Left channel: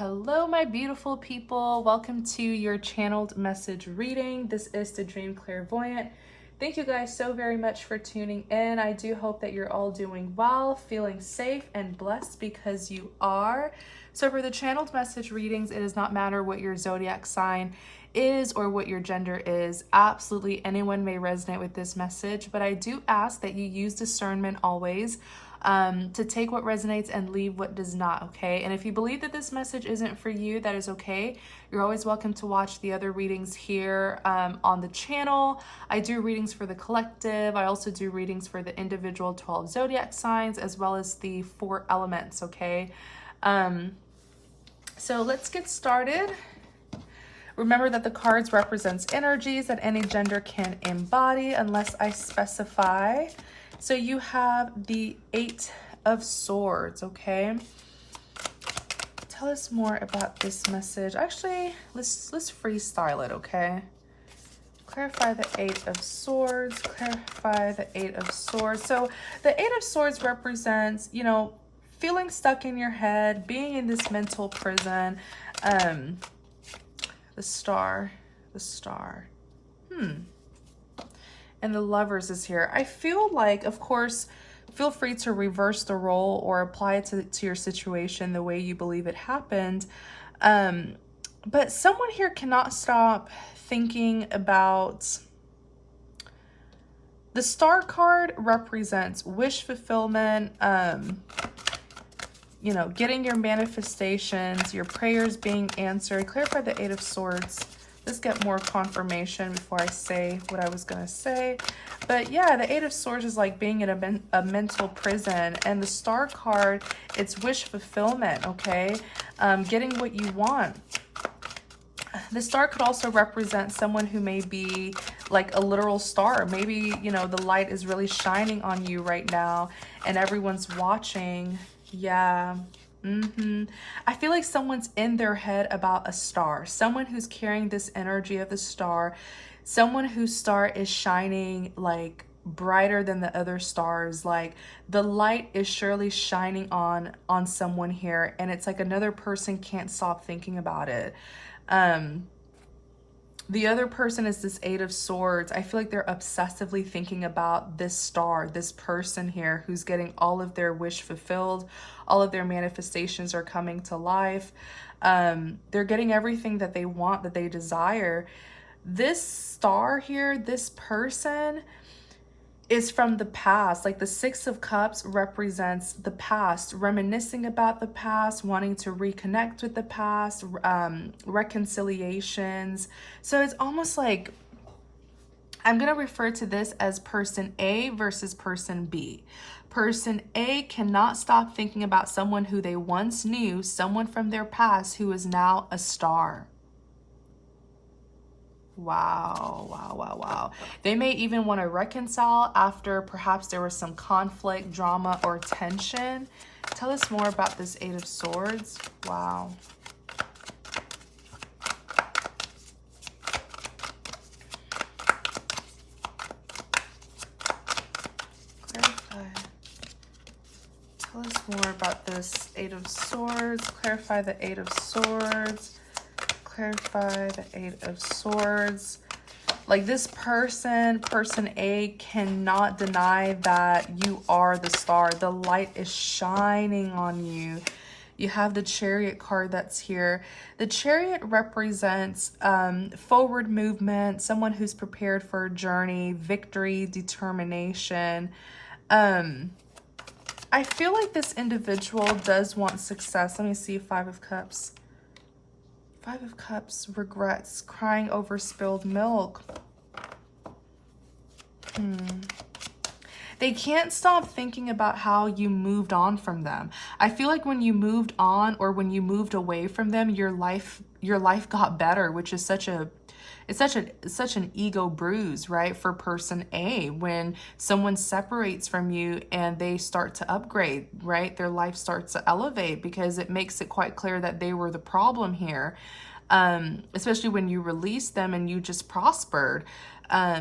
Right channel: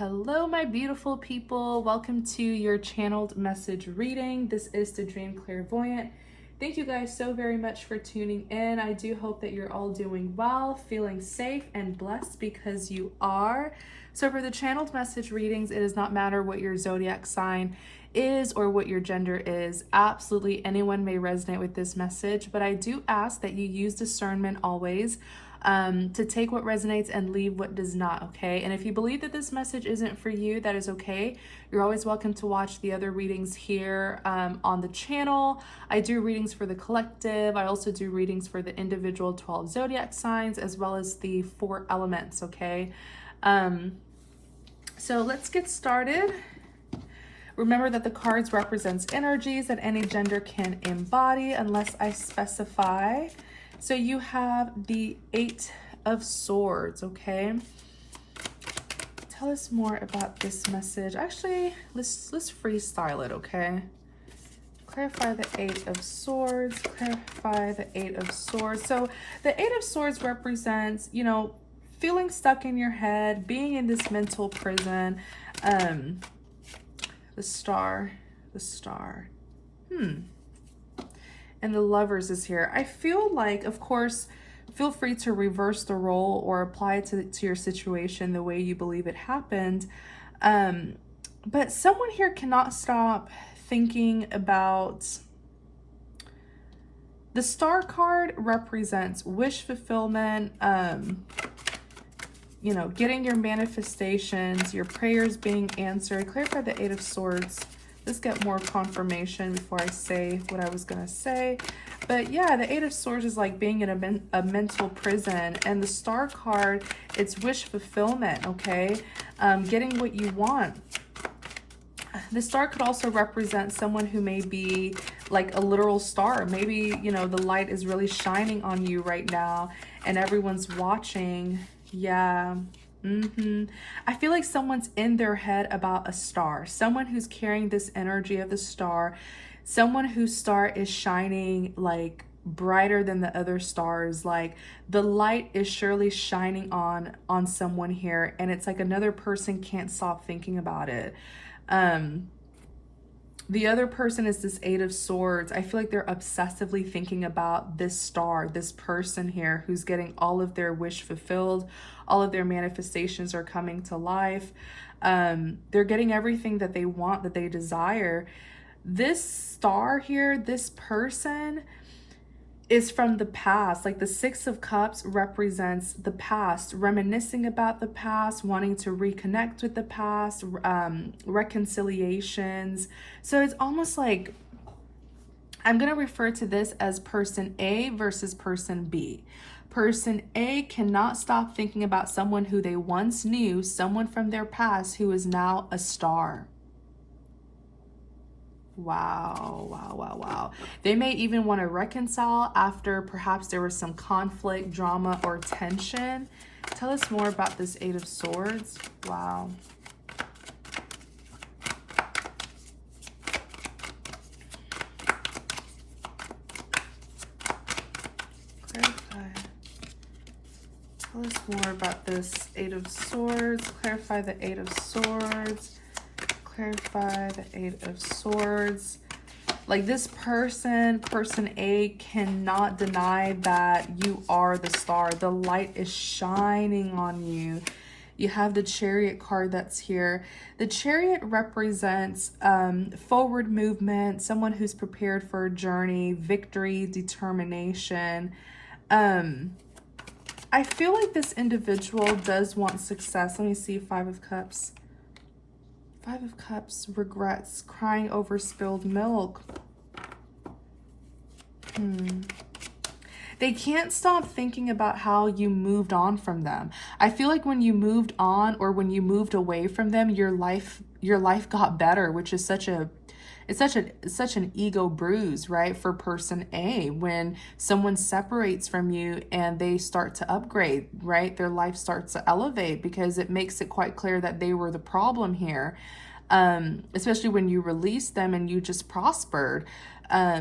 Hello, my beautiful people. Welcome to your channeled message reading. This is the Dream Clairvoyant. Thank you guys so very much for tuning in. I do hope that you're all doing well, feeling safe and blessed because you are. So for the channeled message readings, it does not matter what your zodiac sign is or what your gender is. Absolutely anyone may resonate with this message, but I do ask that you use discernment always. To take what resonates and leave what does not, okay? And if you believe that this message isn't for you, that is okay. You're always welcome to watch the other readings here on the channel. I do readings for the collective. I also do readings for the individual 12 zodiac signs as well as the 4 elements, okay? So let's get started. Remember that the cards represents energies that any gender can embody unless I specify. So you have the 8 of Swords, okay? Tell us more about this message. Actually, let's freestyle it, okay? Clarify the 8 of Swords, clarify the 8 of Swords. So the 8 of Swords represents, you know, feeling stuck in your head, being in this mental prison. The Star. And the Lovers is here. I feel like, of course, feel free to reverse the role or apply it to your situation the way you believe it happened. But someone here cannot stop thinking about... The Star card represents wish fulfillment, you know, getting your manifestations, your prayers being answered. Clarify the 8 of Swords. Let's get more confirmation before I say what I was going to say. But yeah, the 8 of Swords is like being in a mental prison. And the Star card, it's wish fulfillment, okay? Getting what you want. The Star could also represent someone who may be like a literal star. Maybe, you know, the light is really shining on you right now and everyone's watching. Yeah. I feel like someone's in their head about a star, someone who's carrying this energy of the star, someone whose star is shining like brighter than the other stars. Like the light is surely shining on someone here, and it's like another person can't stop thinking about it. The other person is this 8 of Swords. I feel like they're obsessively thinking about this star, this person here who's getting all of their wish fulfilled. All of their manifestations are coming to life. They're getting everything that they want, that they desire. This star here, this person is from the past. Like the 6 of Cups represents the past, reminiscing about the past, wanting to reconnect with the past, reconciliations. So it's almost like, I'm going to refer to this as person A versus person B. Person A cannot stop thinking about someone who they once knew, someone from their past who is now a star. Wow. They may even want to reconcile after perhaps there was some conflict, drama, or tension. Tell us more about this 8 of Swords. Wow. Tell us more about this 8 of Swords. Clarify the 8 of Swords. Clarify the 8 of Swords. Like this person A, cannot deny that you are the star. The light is shining on you. You have the Chariot card that's here. The Chariot represents forward movement, someone who's prepared for a journey, victory, determination. I feel like this individual does want success. Let me see, 5 of Cups. 5 of Cups, regrets, crying over spilled milk. They can't stop thinking about how you moved on from them. I feel like when you moved on or when you moved away from them, your life got better, which is such an ego bruise, right? For person A, when someone separates from you and they start to upgrade, right? Their life starts to elevate because it makes it quite clear that they were the problem here. Especially when you release them and you just prospered.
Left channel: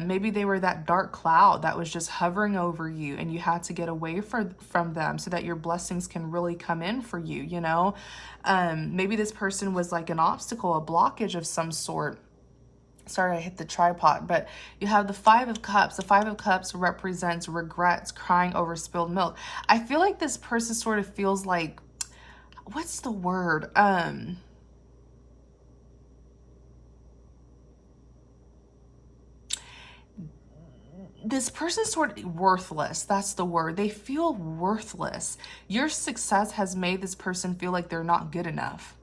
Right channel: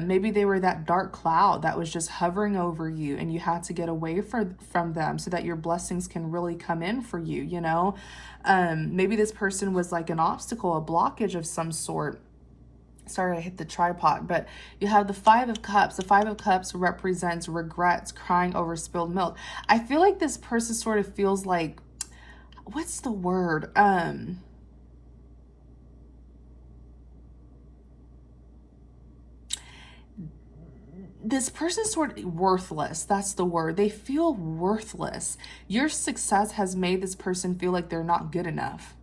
Maybe they were that dark cloud that was just hovering over you and you had to get away from them so that your blessings can really come in for you, you know? Maybe this person was like an obstacle, a blockage of some sort. Sorry, I hit the tripod, but you have the Five of Cups. The Five of Cups represents regrets, crying over spilled milk. I feel like this person sort of feels like, what's the word? This person's sort of worthless. That's the word. They feel worthless. Your success has made this person feel like they're not good enough.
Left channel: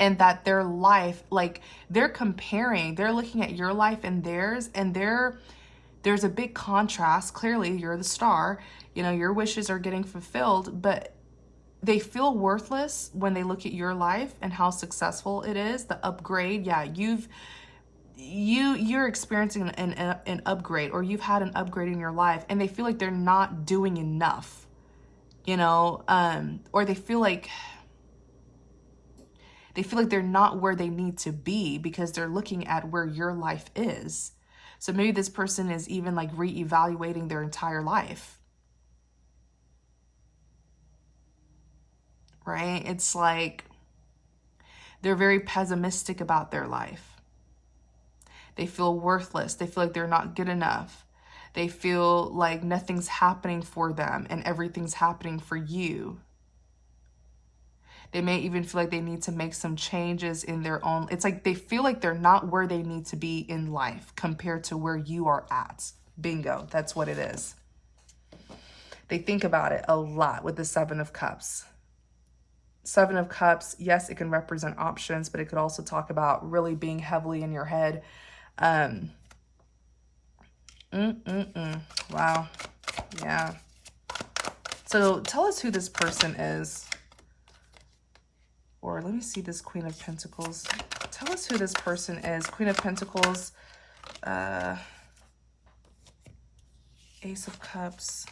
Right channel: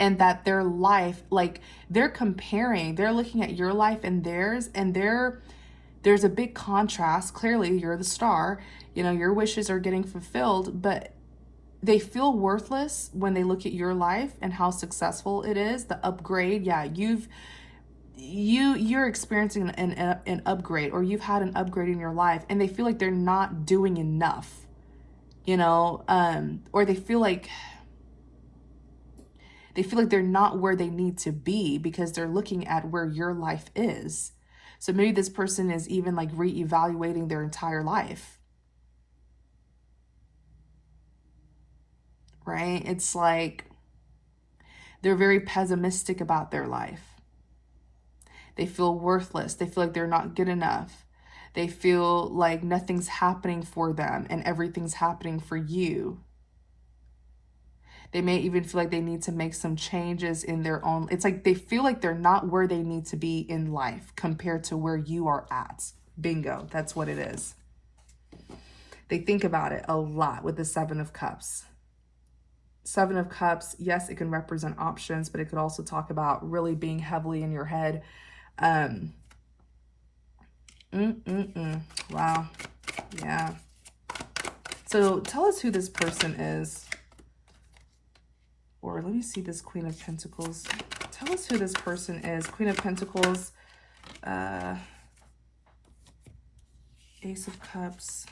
And that their life, like they're comparing, they're looking at your life and theirs, and there's a big contrast. Clearly, you're the star, you know, your wishes are getting fulfilled, but they feel worthless when they look at your life and how successful it is, the upgrade. Yeah, you're experiencing an upgrade, or you've had an upgrade in your life, and they feel like they're not doing enough, you know, or they feel like they're not where they need to be because they're looking at where your life is. So maybe this person is even like reevaluating their entire life, right? It's like they're very pessimistic about their life. They feel worthless. They feel like they're not good enough. They feel like nothing's happening for them and everything's happening for you. They may even feel like they need to make some changes in their own. It's like they feel like they're not where they need to be in life compared to where you are at. Bingo. That's what it is. They think about it a lot with the Seven of Cups. Seven of Cups, yes, it can represent options, but it could also talk about really being heavily in your head. Wow. Yeah. So tell us who this person is. Or let me see this Queen of Pentacles. Tell us who this person is. Queen of Pentacles, Ace of Cups,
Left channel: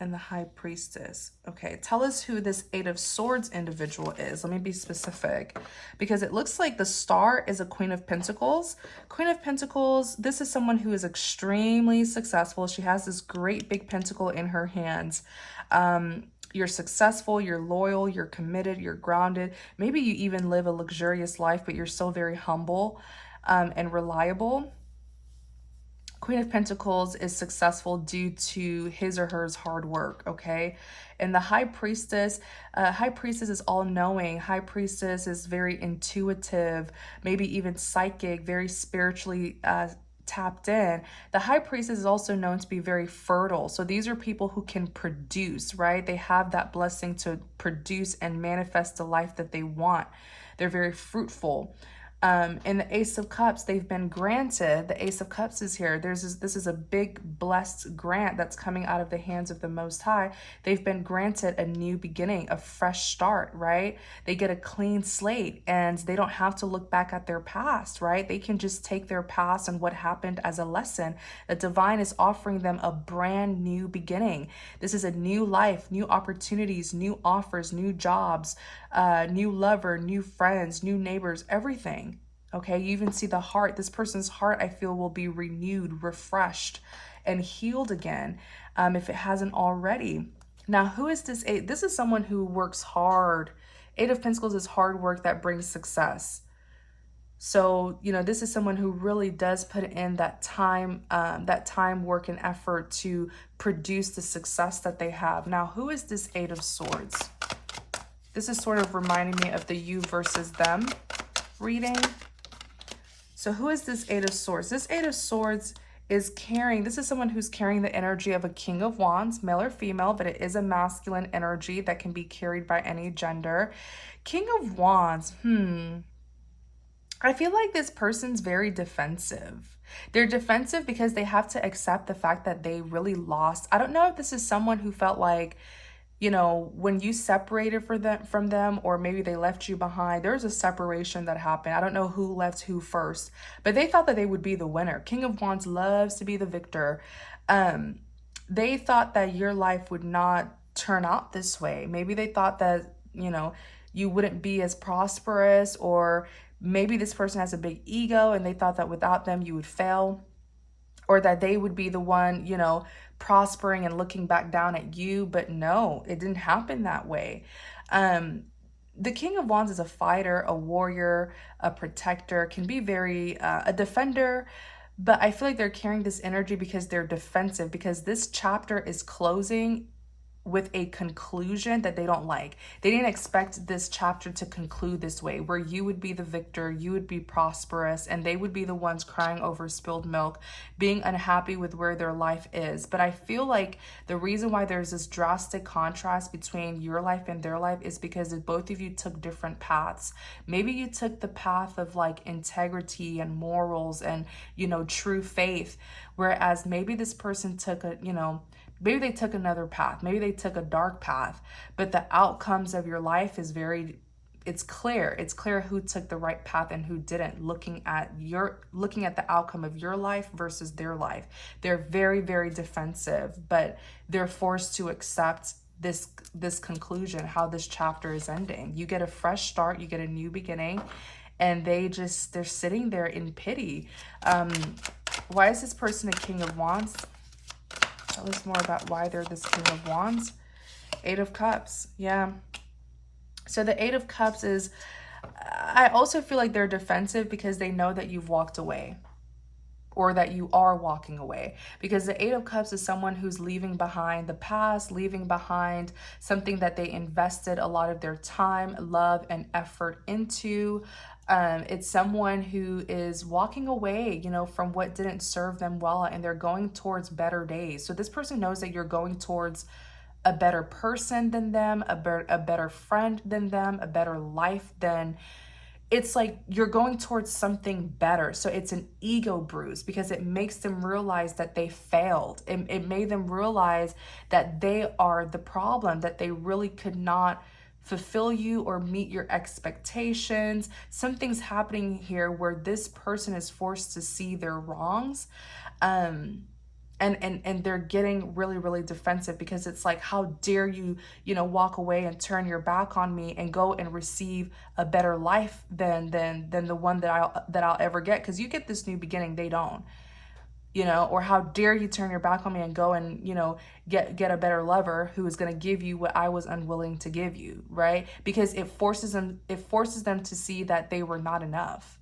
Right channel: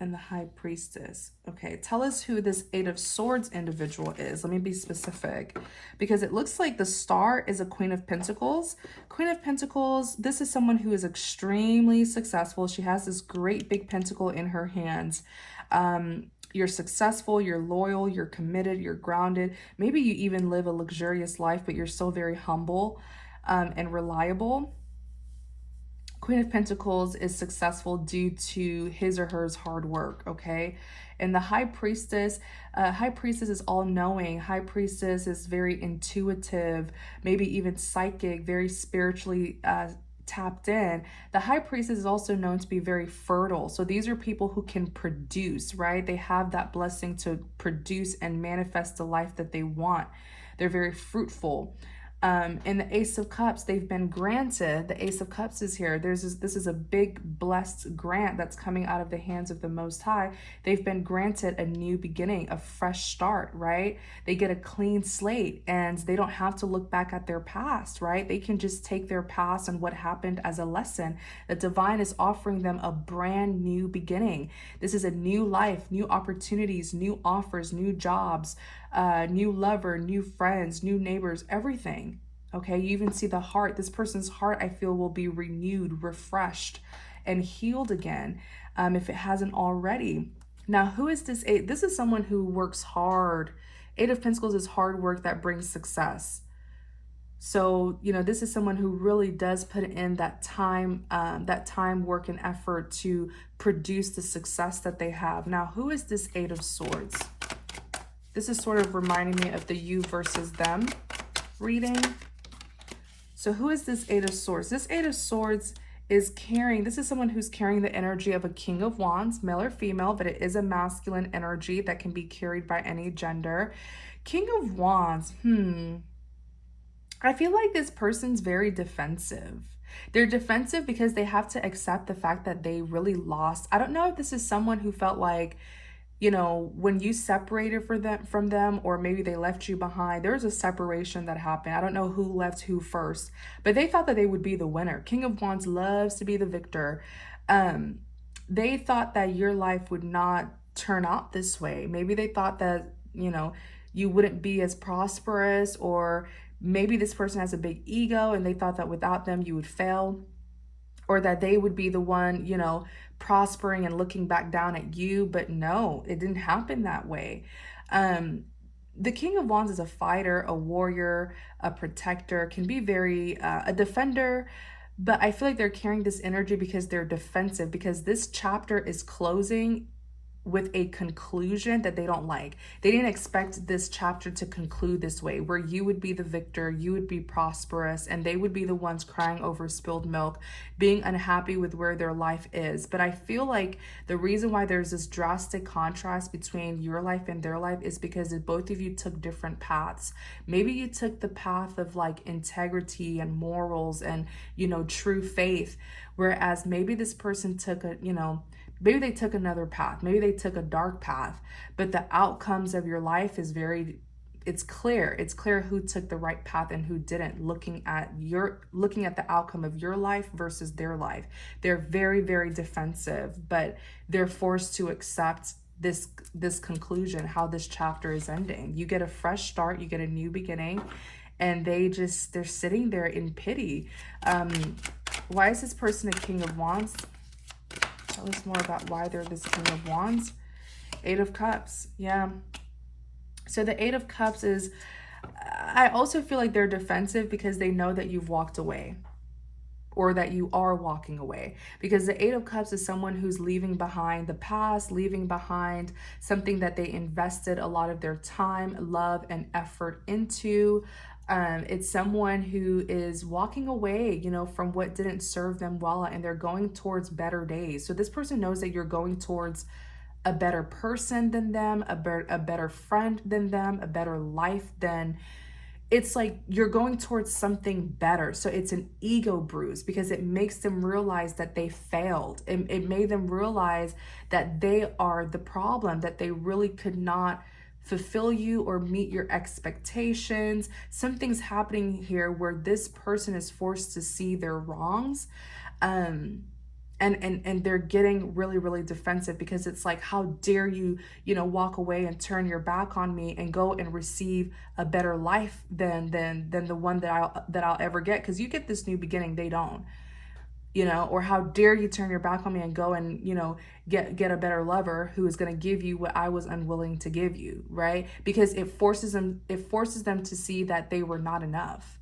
and the High Priestess. Okay, tell us who this Eight of Swords individual is. Let me be specific, because it looks like the Star is a Queen of Pentacles. Queen of Pentacles, this is someone who is extremely successful. She has this great big pentacle in her hands. You're successful, you're loyal, you're committed, you're grounded. Maybe you even live a luxurious life, but you're still very humble and reliable. Queen of Pentacles is successful due to his or her hard work, okay? And the High Priestess is all-knowing. High Priestess is very intuitive, maybe even psychic, very spiritually tapped in. The High Priestess is also known to be very fertile. So these are people who can produce, right? They have that blessing to produce and manifest the life that they want. They're very fruitful. In the Ace of Cups, they've been granted, the Ace of Cups is here. This is a big blessed grant that's coming out of the hands of the Most High. They've been granted a new beginning, a fresh start, right? They get a clean slate and they don't have to look back at their past, right? They can just take their past and what happened as a lesson. The divine is offering them a brand new beginning. This is a new life, new opportunities, new offers, new jobs, new lover, new friends, new neighbors, everything. Okay, you even see the heart. This person's heart, I feel, will be renewed, refreshed, and healed again if it hasn't already. Now, who is this Eight? This is someone who works hard. Eight of Pentacles is hard work that brings success. So, you know, this is someone who really does put in that time, work, and effort to produce the success that they have. Now, who is this Eight of Swords? This is sort of reminding me of the you versus them reading. So who is this Eight of Swords? This Eight of Swords is carrying, this is someone who's carrying the energy of a King of Wands, male or female, but it is a masculine energy that can be carried by any gender. King of Wands, I feel like this person's very defensive. They're defensive because they have to accept the fact that they really lost. I don't know if this is someone who felt like, you know, when you separated from them, or maybe they left you behind, there's a separation that happened. I don't know who left who first, but they thought that they would be the winner. King of Wands loves to be the victor. They thought that your life would not turn out this way. Maybe they thought that, you know, you wouldn't be as prosperous, or Maybe this person has a big ego and they thought that without them you would fail, or that they would be the one, you know, prospering and looking back down at you. But no, it didn't happen that way. The King of Wands is a fighter, a warrior, a protector, can be very a defender, but I feel like they're carrying this energy because they're defensive, because this chapter is closing with a conclusion that they don't like. They didn't expect this chapter to conclude this way, where you would be the victor, you would be prosperous, and they would be the ones crying over spilled milk, being unhappy with where their life is. But I feel like the reason why there's this drastic contrast between your life and their life is because both of you took different paths. Maybe you took the path of like integrity and morals and, you know, true faith, whereas maybe this person took a, you know, maybe they took another path. Maybe they took a dark path, but the outcomes of your life is it's clear. It's clear who took the right path and who didn't, looking at the outcome of your life versus their life. They're very, very defensive, but they're forced to accept this conclusion, how this chapter is ending. You get a fresh start, you get a new beginning, and they're sitting there in pity. Why is this person a King of Wands? Tell us more about why they're this King of Wands. Eight of Cups. Yeah. So the Eight of Cups is, I also feel like they're defensive because they know that you've walked away, or that you are walking away, because the Eight of Cups is someone who's leaving behind the past, leaving behind something that they invested a lot of their time, love, and effort into. It's someone who is walking away, you know, from what didn't serve them well, and they're going towards better days. So this person knows that you're going towards a better person than them, a better friend than them, a better life than, it's like you're going towards something better. So it's an ego bruise because it makes them realize that they failed. It made them realize that they are the problem, that they really could not fulfill you or meet your expectations. Something's happening here where this person is forced to see their wrongs. And they're getting really, really defensive because it's like, how dare you, you know, walk away and turn your back on me and go and receive a better life than the one that I'll ever get, because you get this new beginning, they don't. You know, or how dare you turn your back on me and go and, you know, get a better lover who is going to give you what I was unwilling to give you, right? Because it forces them to see that they were not enough.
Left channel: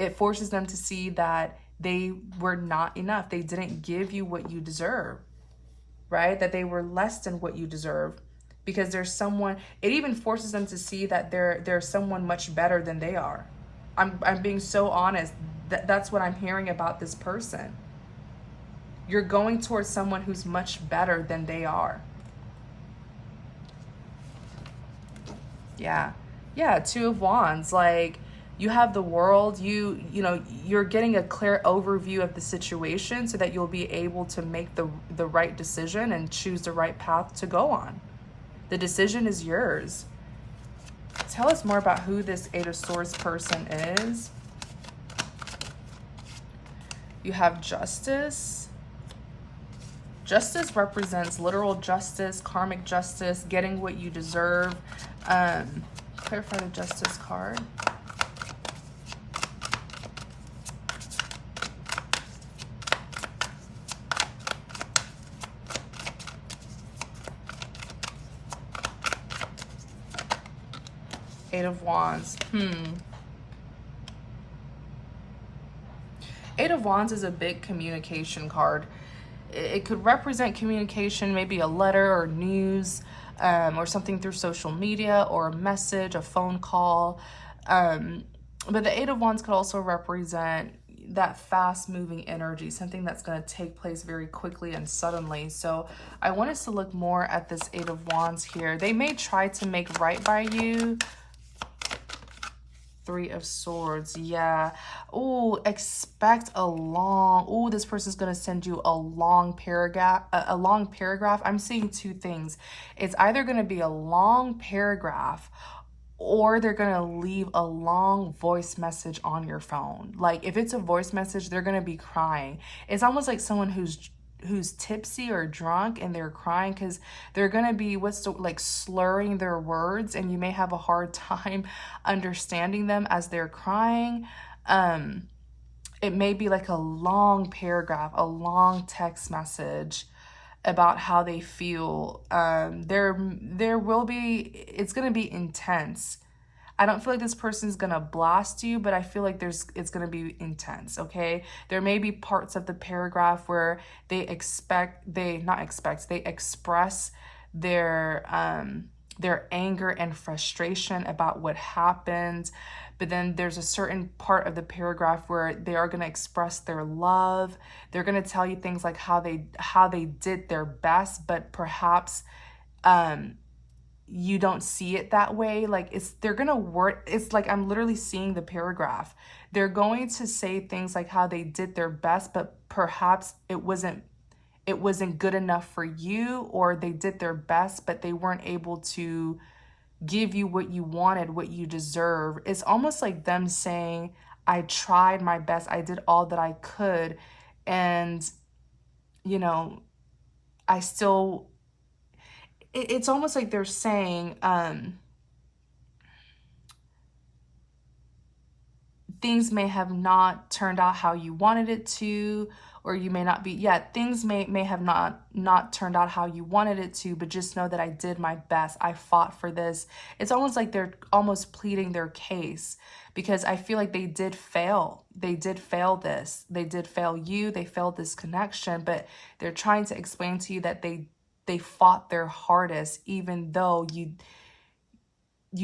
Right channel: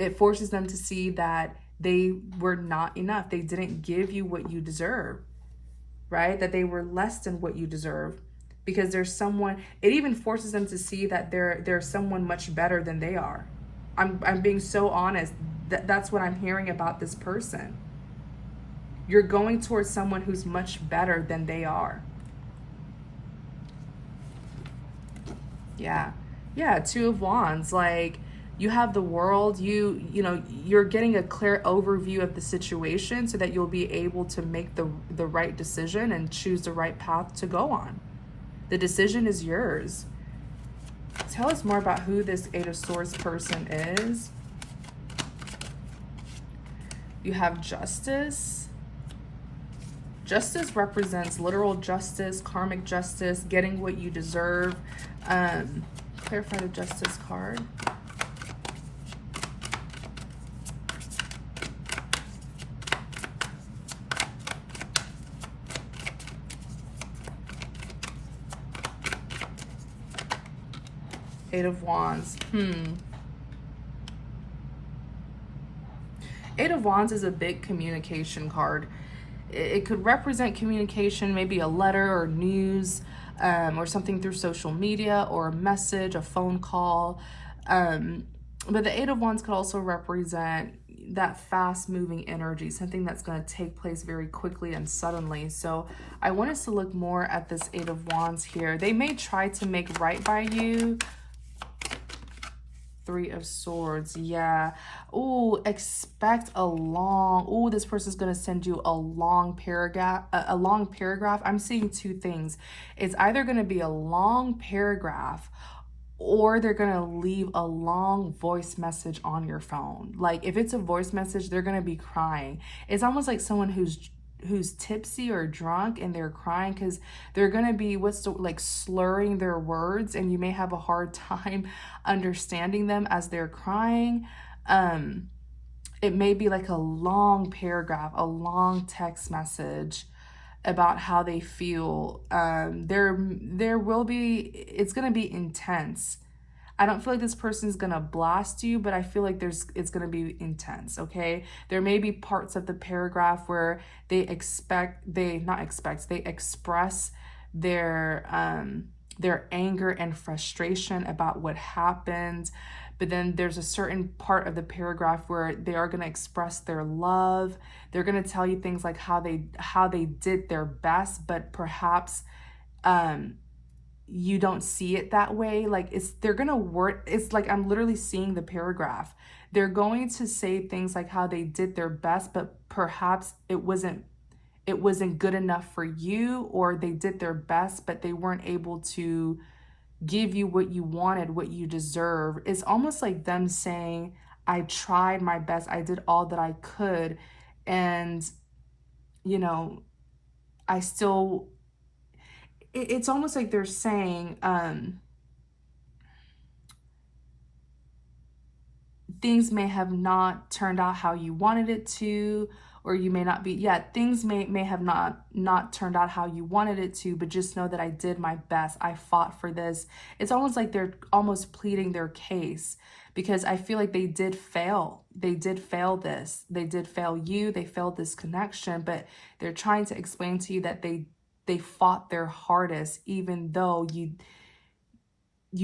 It forces them to see that they were not enough. They didn't give you what you deserve, right? That they were less than what you deserve, because there's someone, it even forces them to see that there's someone much better than they are. I'm being so honest. That's what I'm hearing about this person. You're going towards someone who's much better than they are. Yeah. Yeah, Two of Wands. Like, you have the world, you know, you're getting a clear overview of the situation so that you'll be able to make the right decision and choose the right path to go on. The decision is yours. Tell us more about who this Eight of Swords person is. You have Justice. Justice represents literal justice, karmic justice, getting what you deserve. Clarify the Justice card. Eight of Wands. Eight of Wands is a big communication card. It could represent communication, maybe a letter or news, or something through social media, or a message, a phone call. But the Eight of Wands could also represent that fast-moving energy, something that's going to take place very quickly and suddenly. So I want us to look more at this Eight of Wands here. They may try to make right by you. Three of Swords. Yeah. Oh, expect a long, oh, this person's going to send you a long paragraph, I'm seeing two things. It's either going to be a long paragraph, or they're going to leave a long voice message on your phone. Like, if it's a voice message, they're going to be crying. It's almost like someone who's who's tipsy or drunk and they're crying, because they're going to be like slurring their words, and you may have a hard time understanding them as they're crying. It may be like a long paragraph, a long text message about how they feel. There will be, it's going to be intense. I don't feel like this person's gonna blast you, but I feel like it's gonna be intense, okay? There may be parts of the paragraph where they express their anger and frustration about what happened. But then there's a certain part of the paragraph where they are going to express their love. They're going to tell you things like how they did their best, but perhaps you don't see it that way. Like they're going to work. It's like I'm literally seeing the paragraph. They're going to say things like how they did their best, but perhaps it wasn't good enough for you, or they did their best, but they weren't able to give you what you wanted, what you deserve. It's almost like them saying, I tried my best, I did all that I could, and I still, it's almost like they're saying things may have not turned out how you wanted it to, or you may not be, things may have not turned out how you wanted it to, but just know that I did my best. I fought for this. It's almost like they're almost pleading their case, because I feel like they did fail. They did fail this. They did fail you. They failed this connection, but they're trying to explain to you that they fought their hardest, even though you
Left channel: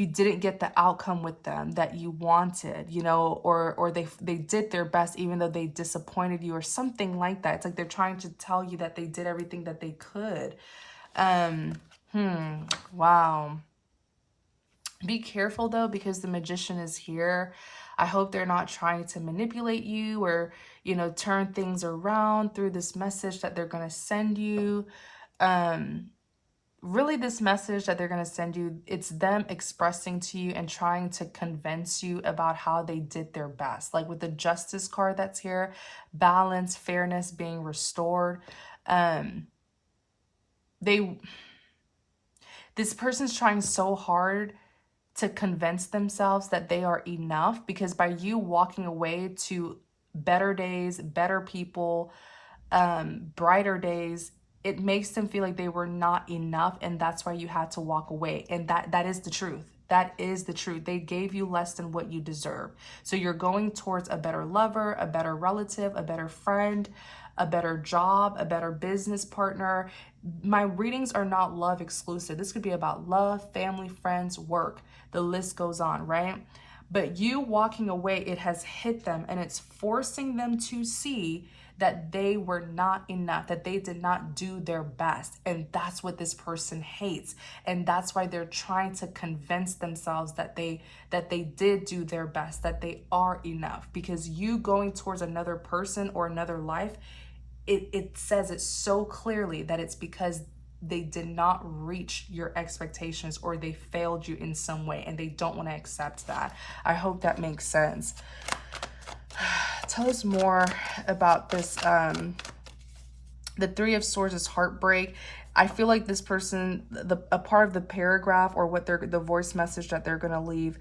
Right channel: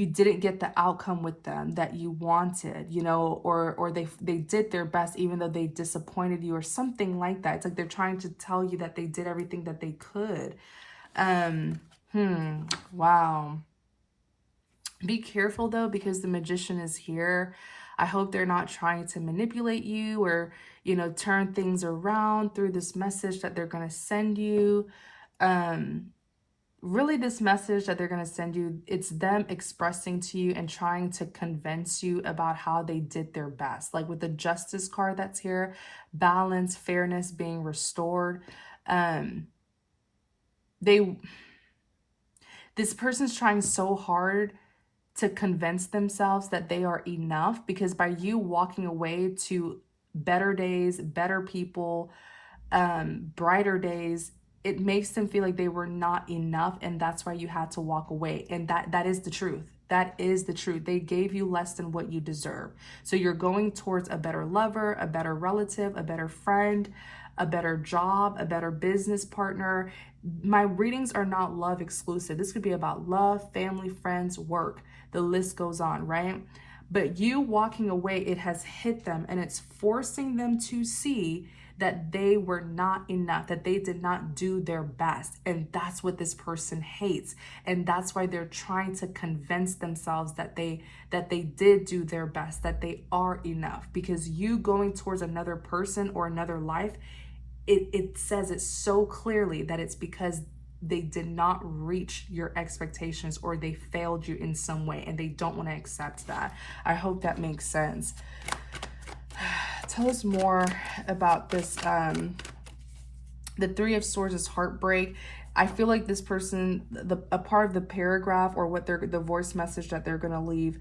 didn't get the outcome with them that you wanted, or they did their best even though they disappointed you, or something like that. It's like they're trying to tell you that they did everything that they could. Wow. Be careful though, because the Magician is here. I hope they're not trying to manipulate you or, turn things around through this message that they're going to send you. Really, this message that they're going to send you, it's them expressing to you and trying to convince you about how they did their best. Like with the Justice card that's here, balance, fairness being restored. This person's trying so hard to convince themselves that they are enough, because by you walking away to better days, better people, brighter days, it makes them feel like they were not enough, and that's why you had to walk away. And that is the truth. That is the truth. They gave you less than what you deserve. So you're going towards a better lover, a better relative, a better friend, a better job, a better business partner. My readings are not love exclusive. This could be about love, family, friends, work. The list goes on, right? But you walking away, it has hit them, and it's forcing them to see that they were not enough, that they did not do their best. And that's what this person hates. And that's why they're trying to convince themselves that they did do their best, that they are enough. Because you going towards another person or another life, it says it so clearly that it's because they did not reach your expectations, or they failed you in some way, and they don't want to accept that. I hope that makes sense. Tell us more about this. The Three of Swords is heartbreak. I feel like this person, a part of the paragraph or what the voice message that they're going to leave,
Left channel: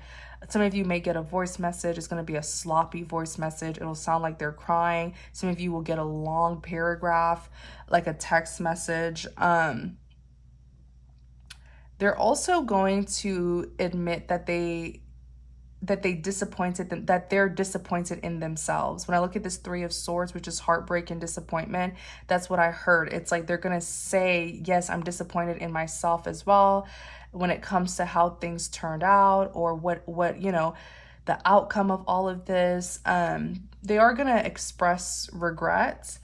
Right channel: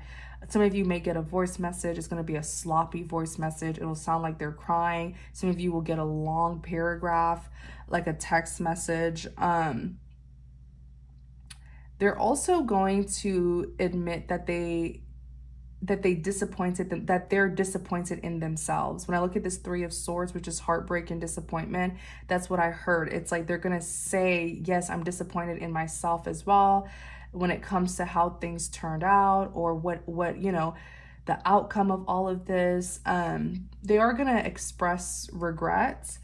some of you may get a voice message. It's going to be a sloppy voice message. It'll sound like they're crying. Some of you will get a long paragraph, like a text message. They're also going to admit that they're disappointed in themselves. When I look at this Three of Swords, which is heartbreak and disappointment, that's what I heard. It's like they're going to say, yes, I'm disappointed in myself as well when it comes to how things turned out, or what the outcome of all of this. They are going to express regret.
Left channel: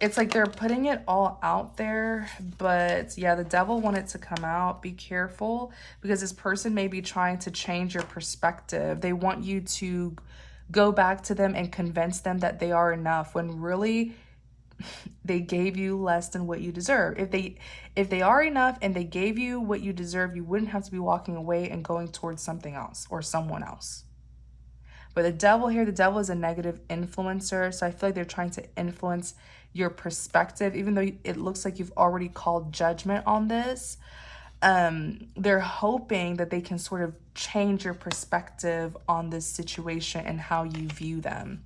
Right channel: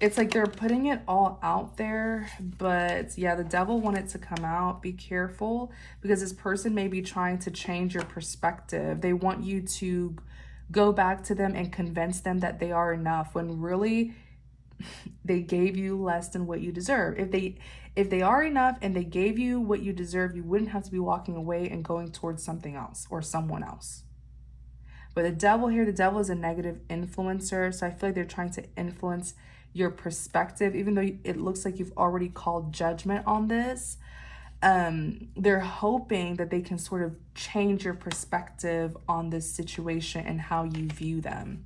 It's like they're putting it all out there, but yeah, the devil wanted to come out. Be careful, because this person may be trying to change your perspective. They want you to go back to them and convince them that they are enough, when really they gave you less than what you deserve. If they are enough and they gave you what you deserve, you wouldn't have to be walking away and going towards something else or someone else. But the devil here, the devil is a negative influencer. So I feel like they're trying to influence your perspective, even though it looks like you've already called judgment on this. They're hoping that they can sort of change your perspective on this situation and how you view them.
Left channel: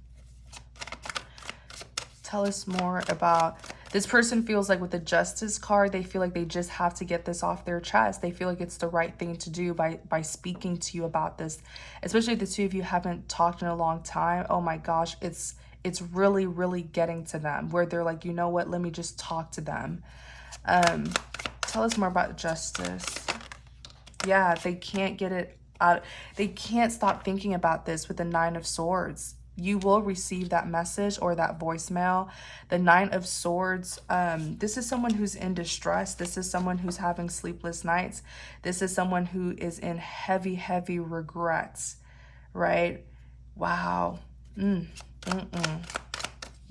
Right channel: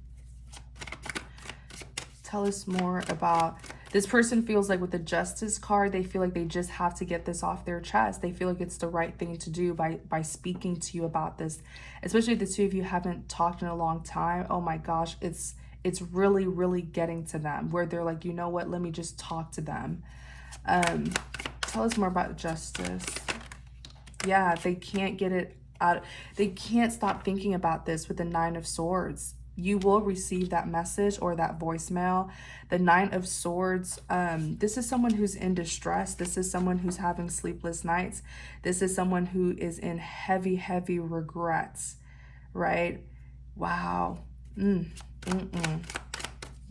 Tell us more about this person. Feels like with the Justice card, they feel like they just have to get this off their chest. They feel like it's the right thing to do by speaking to you about this, especially if the two of you haven't talked in a long time. Oh my gosh, it's really, really getting to them where they're like, you know what, let me just talk to them. Tell us more about Justice. Yeah, they can't get it out. They can't stop thinking about this with the Nine of Swords. You will receive that message or that voicemail. The Nine of Swords, this is someone who's in distress. This is someone who's having sleepless nights. This is someone who is in heavy, heavy regrets, right? Wow.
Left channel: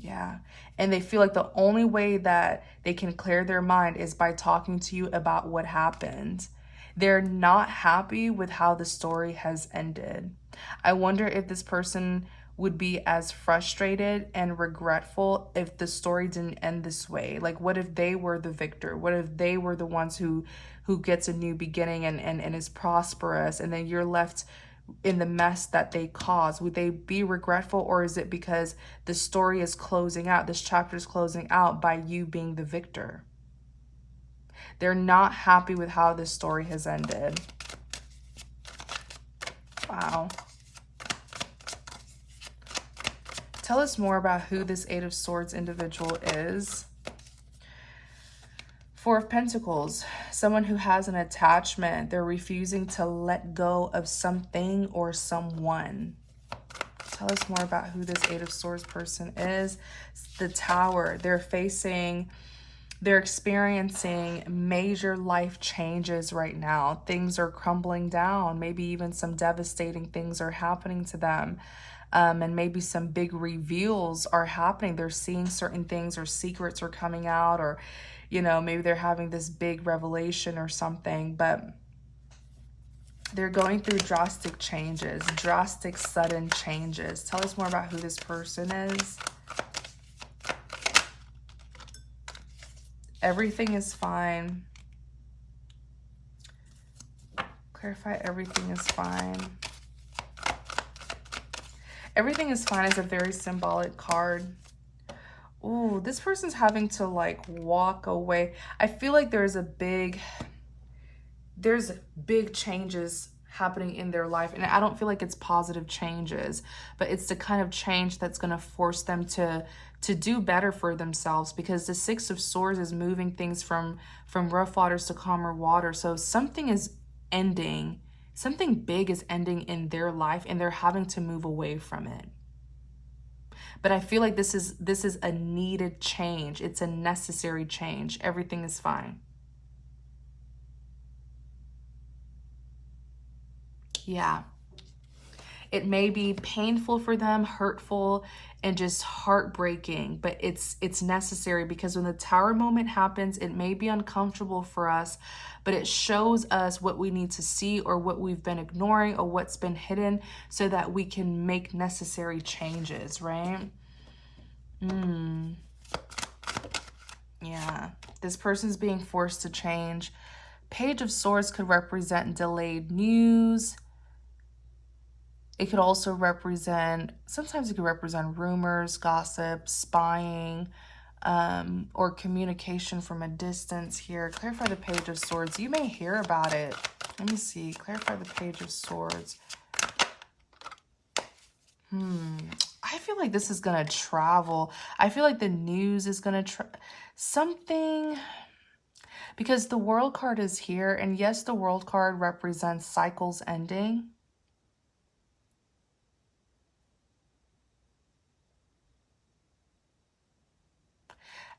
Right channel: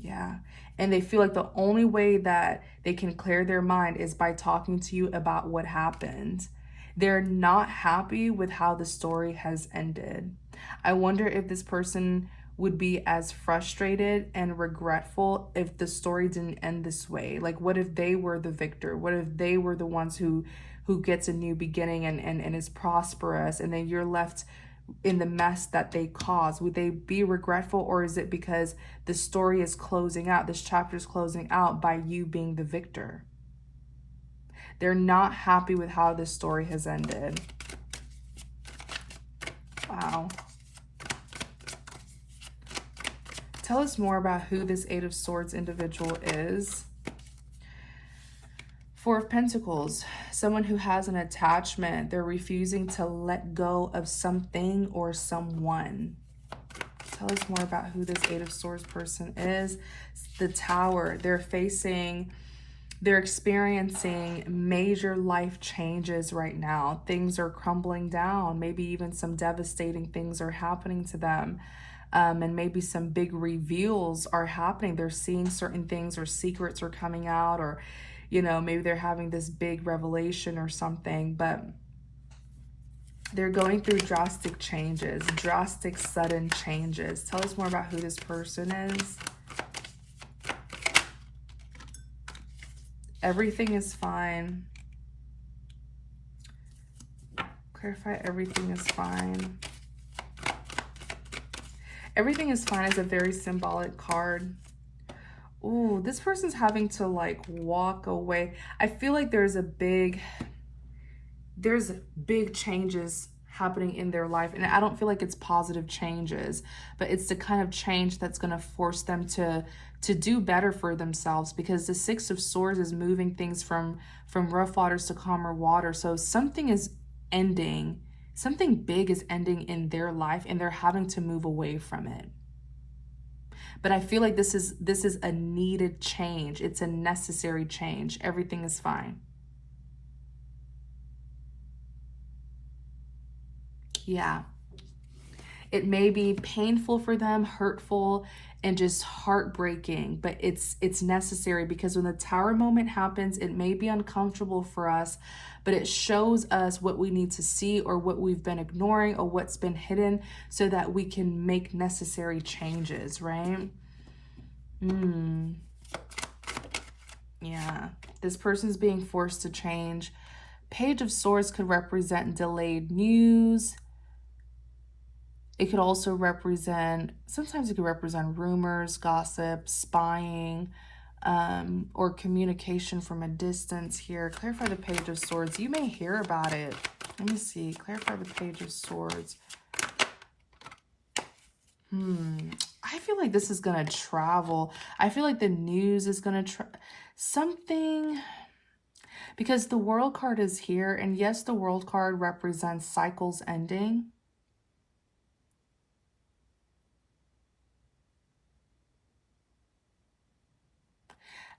Yeah. And they feel like the only way that they can clear their mind is by talking to you about what happened. They're not happy with how the story has ended. I wonder if this person would be as frustrated and regretful if the story didn't end this way. Like, what if they were the victor? What if they were the ones who gets a new beginning and is prosperous, and then you're left in the mess that they caused? Would they be regretful, or is it because the story is closing out, this chapter is closing out by you being the victor? They're not happy with how this story has ended. Wow. Tell us more about who this Eight of Swords individual is. Four of Pentacles, someone who has an attachment. They're refusing to let go of something or someone. Tell us more about who this Eight of Swords person is. The Tower, they're experiencing major life changes right now. Things are crumbling down. Maybe even some devastating things are happening to them. And maybe some big reveals are happening. They're seeing certain things, or secrets are coming out, or, you know, maybe they're having this big revelation or something, but they're going through drastic changes, drastic, sudden changes. Tell us more about who this person is. Everything is fine. Clarify everything is fine. Everything is fine is a very symbolic card. Ooh, this person's having to like walk away. I feel like there's big changes happening in their life, and I don't feel like it's positive changes, but it's the kind of change that's going to force them to do better for themselves, because the Six of Swords is moving things from rough waters to calmer water. So something is ending. Something big is ending in their life, and they're having to move away from it. But I feel like this is a needed change. It's a necessary change. Everything is fine. Yeah. It may be painful for them, hurtful, and just heartbreaking, but it's necessary, because when the Tower moment happens, it may be uncomfortable for us, but it shows us what we need to see, or what we've been ignoring, or what's been hidden, so that we can make necessary changes, right? Yeah, this person's being forced to change. Page of Swords could represent delayed news. It could also represent, sometimes it could represent rumors, gossip, spying, or communication from a distance here. Clarify the Page of Swords. You may hear about it. Let me see. Clarify the Page of Swords. I feel like this is going to travel. I feel like the news is going to something, because the World card is here. And yes, the World card represents cycles ending.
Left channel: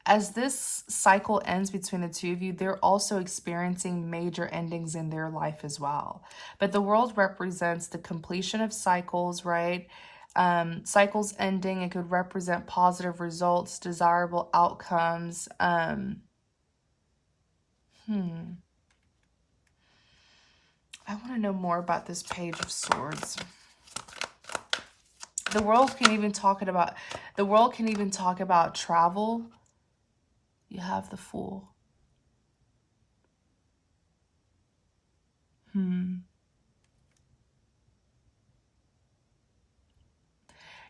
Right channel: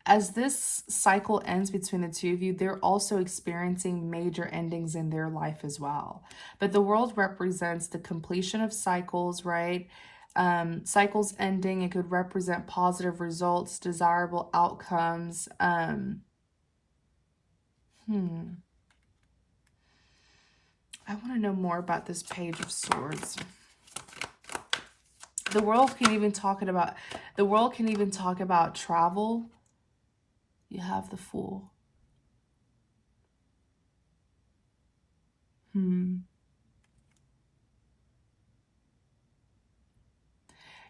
As this cycle ends between the two of you, they're also experiencing major endings in their life as well. But the World represents the completion of cycles, right? Cycles ending. It could represent positive results, desirable outcomes. I want to know more about this Page of Swords. The world can even talk about travel. You have the Fool.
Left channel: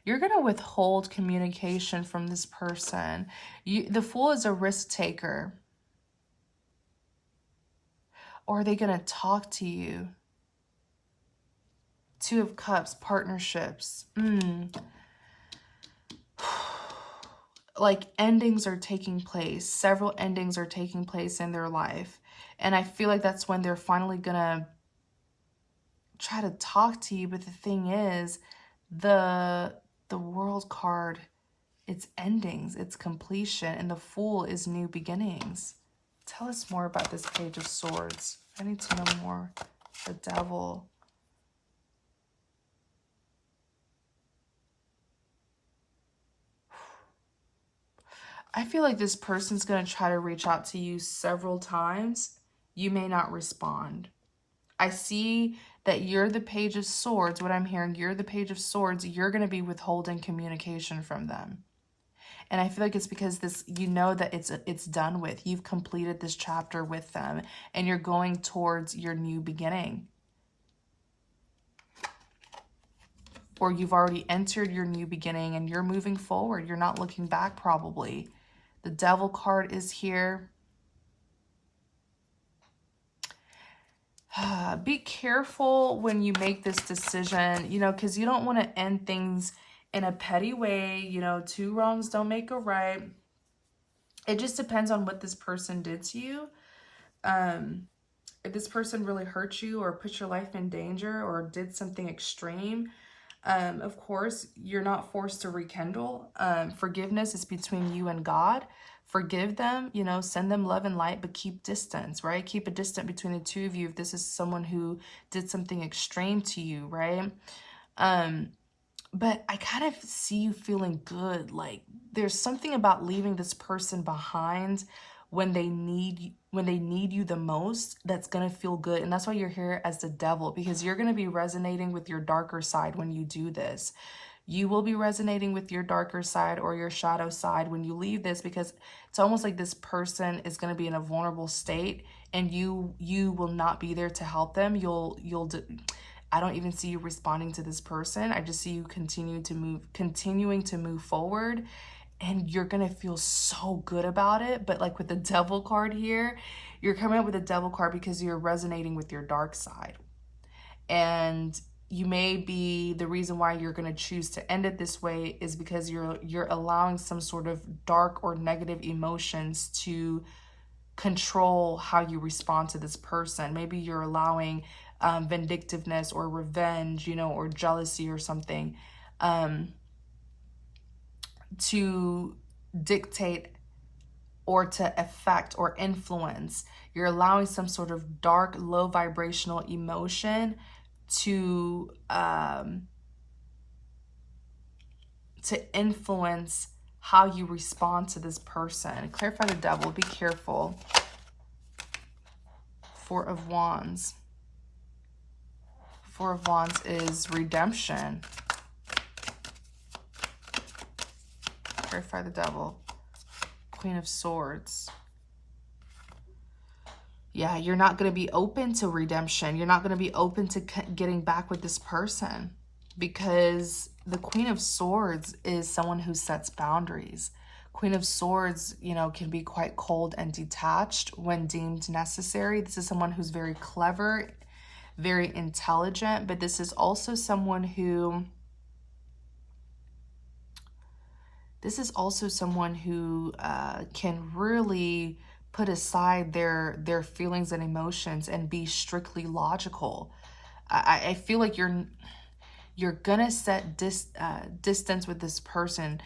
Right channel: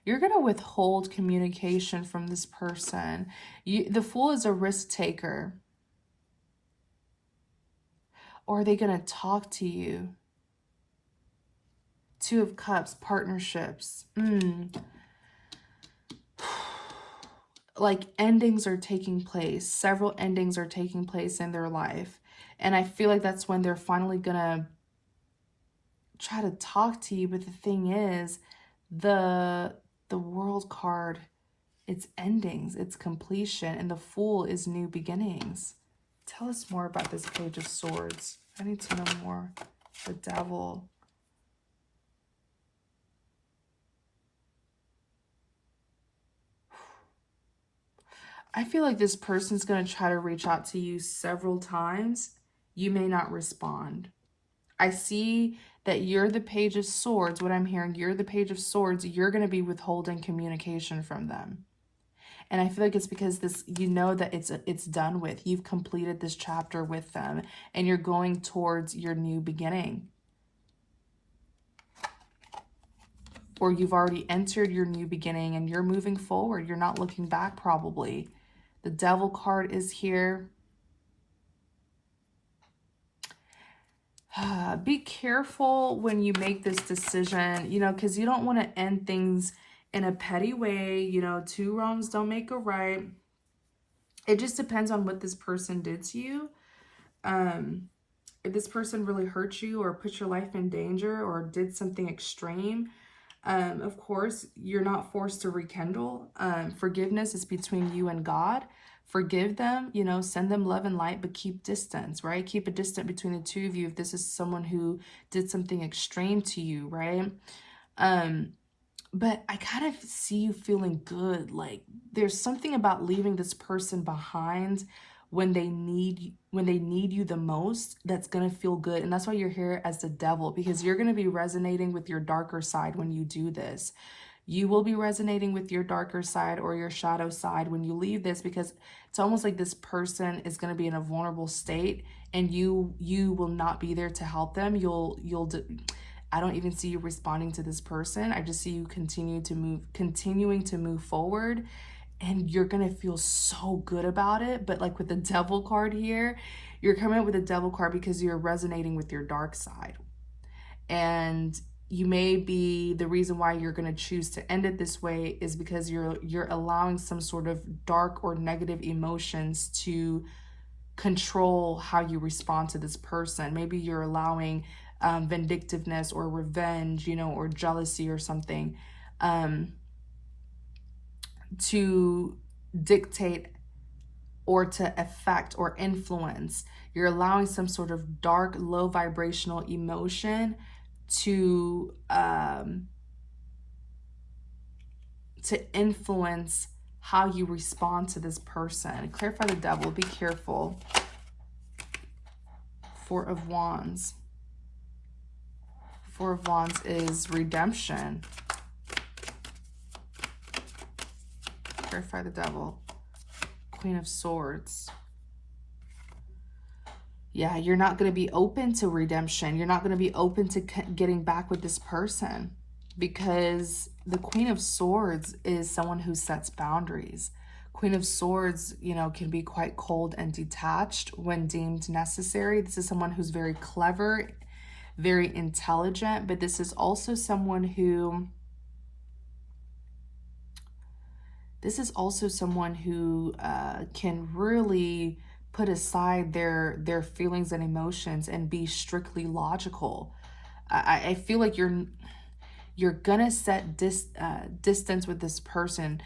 You're going to withhold communication from this person. The Fool is a risk taker. Or are they going to talk to you? Two of Cups, partnerships. Like endings are taking place. Several endings are taking place in their life. And I feel like that's when they're finally going to try to talk to you. But the thing is, the World card, it's endings, it's completion, and the Fool is new beginnings. Tell us more about this Page of Swords. I need to know more. The Devil. I feel like this person's going to try to reach out to you several times. You may not respond. I see that you're the Page of Swords. What I'm hearing, you're the Page of Swords. You're going to be withholding communication from them. And I feel like it's because you know that it's done with. You've completed this chapter with them. And you're going towards your new beginning. Or you've already entered your new beginning and you're moving forward. You're not looking back probably. The Devil card is here. Be careful when you make this decision, you know, because you don't want to end things in a petty way. You know, two wrongs don't make a right. It just depends on what this person did to you. If this person really hurt you or put your life in danger or did something extreme, of course, you're not forced to rekindle. Forgiveness is between you and God. Forgive them, you know, send them love and light, but keep distance, right? Keep a distance between the two of you if this is someone who did something extreme to you, right? But I kind of see you feeling good. Like there's something about leaving this person behind when they need you the most that's going to feel good. And that's why you're here as the Devil, because you're going to be resonating with your darker side when you do this. You will be resonating with your darker side or your shadow side when you leave this, because it's almost like this person is going to be in a vulnerable state and you will not be there to help them. I don't even see you responding to this person. I just see you continuing to move forward, and you're going to feel so good about it. But like with the Devil card here, you're coming up with a Devil card because you're resonating with your dark side. And you may be, the reason why you're going to choose to end it this way is because you're allowing some sort of dark or negative emotions to control how you respond to this person. Maybe you're allowing vindictiveness or revenge, you know, or jealousy or something to dictate or to affect or influence. You're allowing some sort of dark, low vibrational emotion to influence how you respond to this person. Clarify the Devil. Be careful. Four of Wands. Four of Wands is redemption. Clarify the Devil. Queen of Swords. Yeah, you're not going to be open to redemption. You're not going to be open to getting back with this person, because the Queen of Swords is someone who sets boundaries. Queen of Swords, you know, can be quite cold and detached when deemed necessary. This is someone who's very clever, very intelligent, but this is also someone who can really put aside their feelings and emotions and be strictly logical. I feel like you're gonna set distance with this person,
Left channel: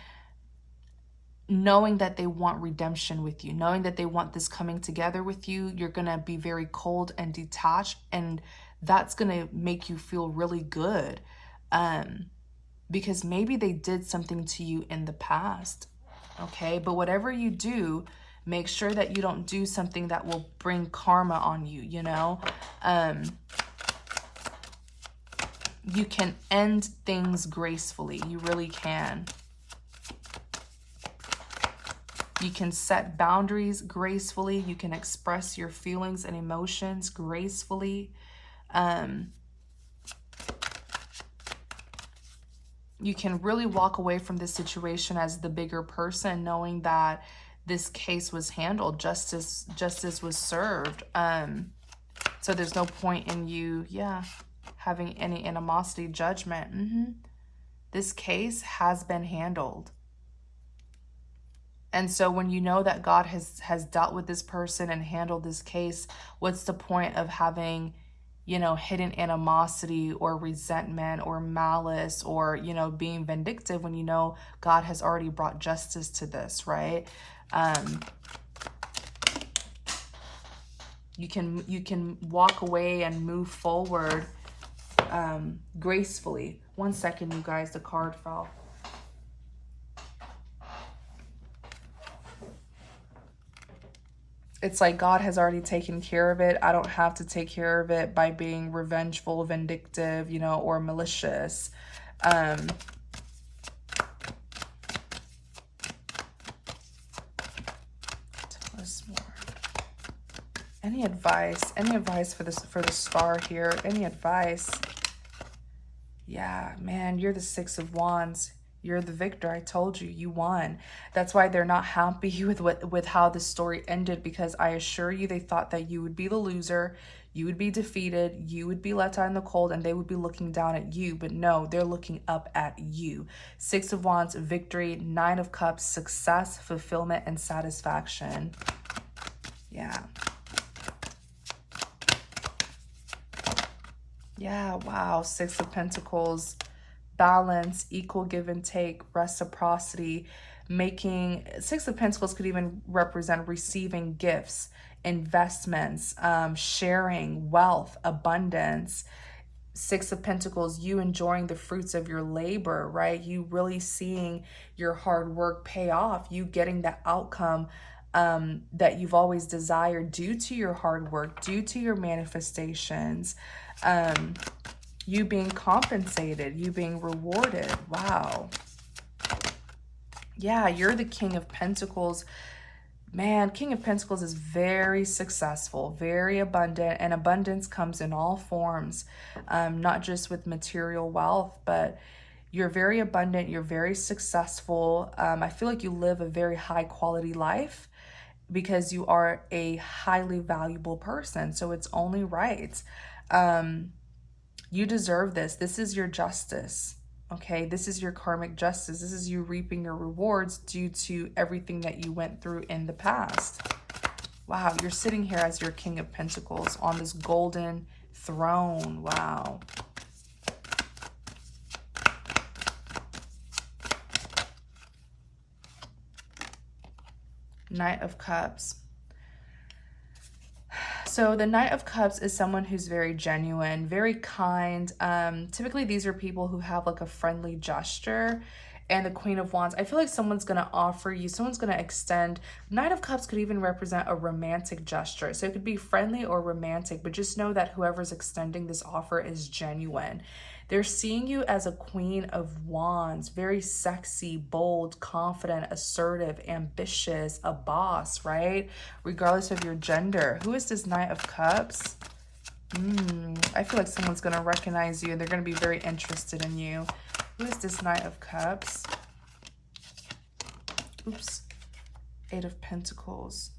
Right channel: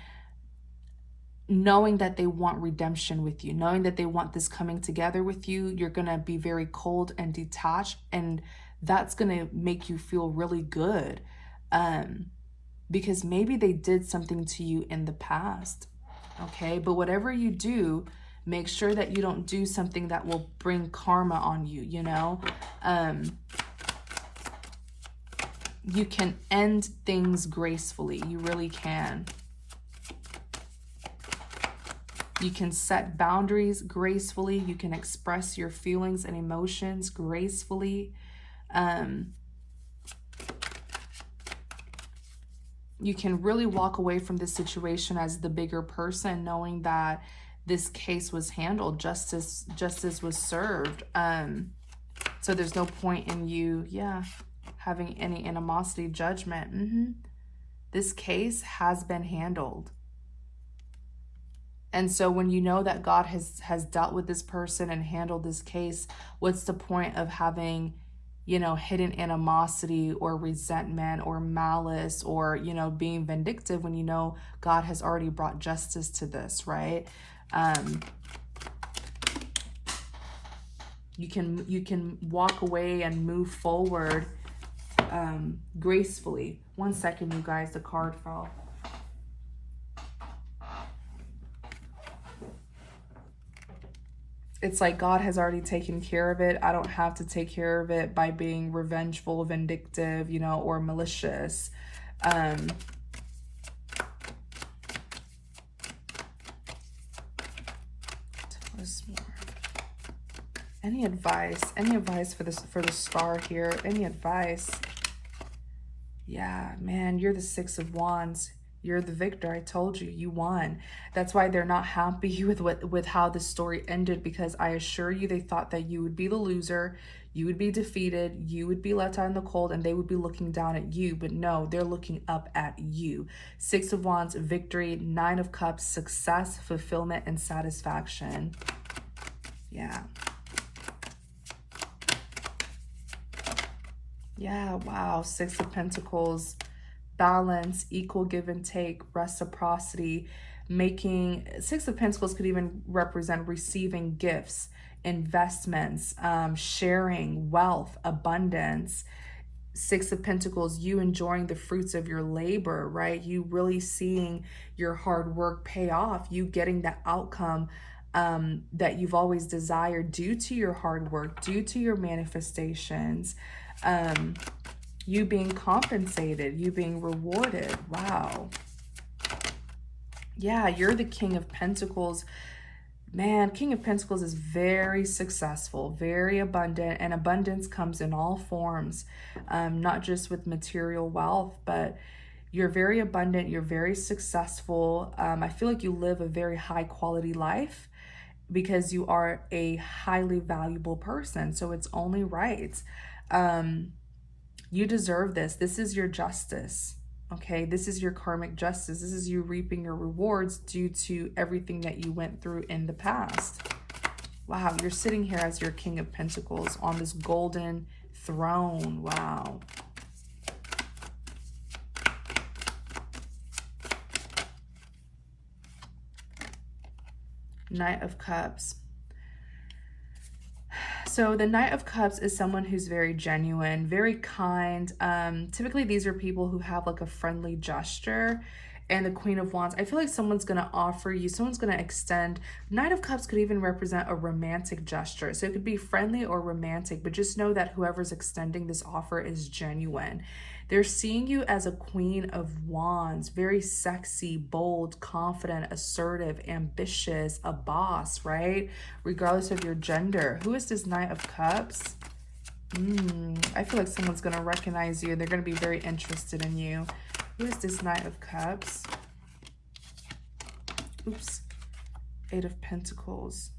knowing that they want redemption with you, knowing that they want this coming together with you. You're gonna be very cold and detached, and that's gonna make you feel really good, because maybe they did something to you in the past. Okay, but whatever you do, make sure that you don't do something that will bring karma on you, you know? You can end things gracefully. You really can. You can set boundaries gracefully. You can express your feelings and emotions gracefully. You can really walk away from this situation as the bigger person, knowing that this case was handled, justice was served. So there's no point in you, having any animosity, judgment. This case has been handled. And so when you know that God has dealt with this person and handled this case, what's the point of having, hidden animosity or resentment or malice or, being vindictive when you know God has already brought justice to this, right? You can walk away and move forward gracefully. 1 second, you guys, the card fell. It's like God has already taken care of it. I don't have to take care of it by being revengeful, vindictive, or malicious. Any advice? Any advice for the star here? Any advice? Yeah, man, you're the 6 of Wands. You're the victor. I told you, you won. That's why they're not happy with how the story ended, because I assure you they thought that you would be the loser, you would be defeated, you would be left out in the cold, and they would be looking down at you. But no, they're looking up at you. 6 of Wands, victory. 9 of Cups, success, fulfillment, and satisfaction. Yeah. Yeah, wow. 6 of Pentacles, balance, equal give and take, reciprocity, making. 6 of Pentacles could even represent receiving gifts, investments, sharing, wealth, abundance. 6 of Pentacles, you enjoying the fruits of your labor, right? You really seeing your hard work pay off, you getting the outcome that you've always desired due to your hard work, due to your manifestations. You being compensated, you being rewarded. Wow. Yeah, you're the King of Pentacles. Man, King of Pentacles is very successful, very abundant, and abundance comes in all forms, not just with material wealth, but you're very abundant, you're very successful. I feel like you live a very high quality life because you are a highly valuable person, so it's only right. You deserve this. This is your justice, okay? This is your karmic justice. This is you reaping your rewards due to everything that you went through in the past. Wow, you're sitting here as your King of Pentacles on this golden throne. Wow. Knight of Cups. So the Knight of Cups is someone who's very genuine, very kind. Typically, these are people who have like a friendly gesture. And the Queen of Wands, I feel like someone's going to offer you, someone's going to extend. Knight of Cups could even represent a romantic gesture. So it could be friendly or romantic, but just know that whoever's extending this offer is genuine. They're seeing you as a Queen of Wands, very sexy, bold, confident, assertive, ambitious, a boss, right? Regardless of your gender. Who is this Knight of Cups? I feel like someone's going to recognize you. They're going to be very interested in you. Who is this Knight of Cups? Oops. 8 of Pentacles.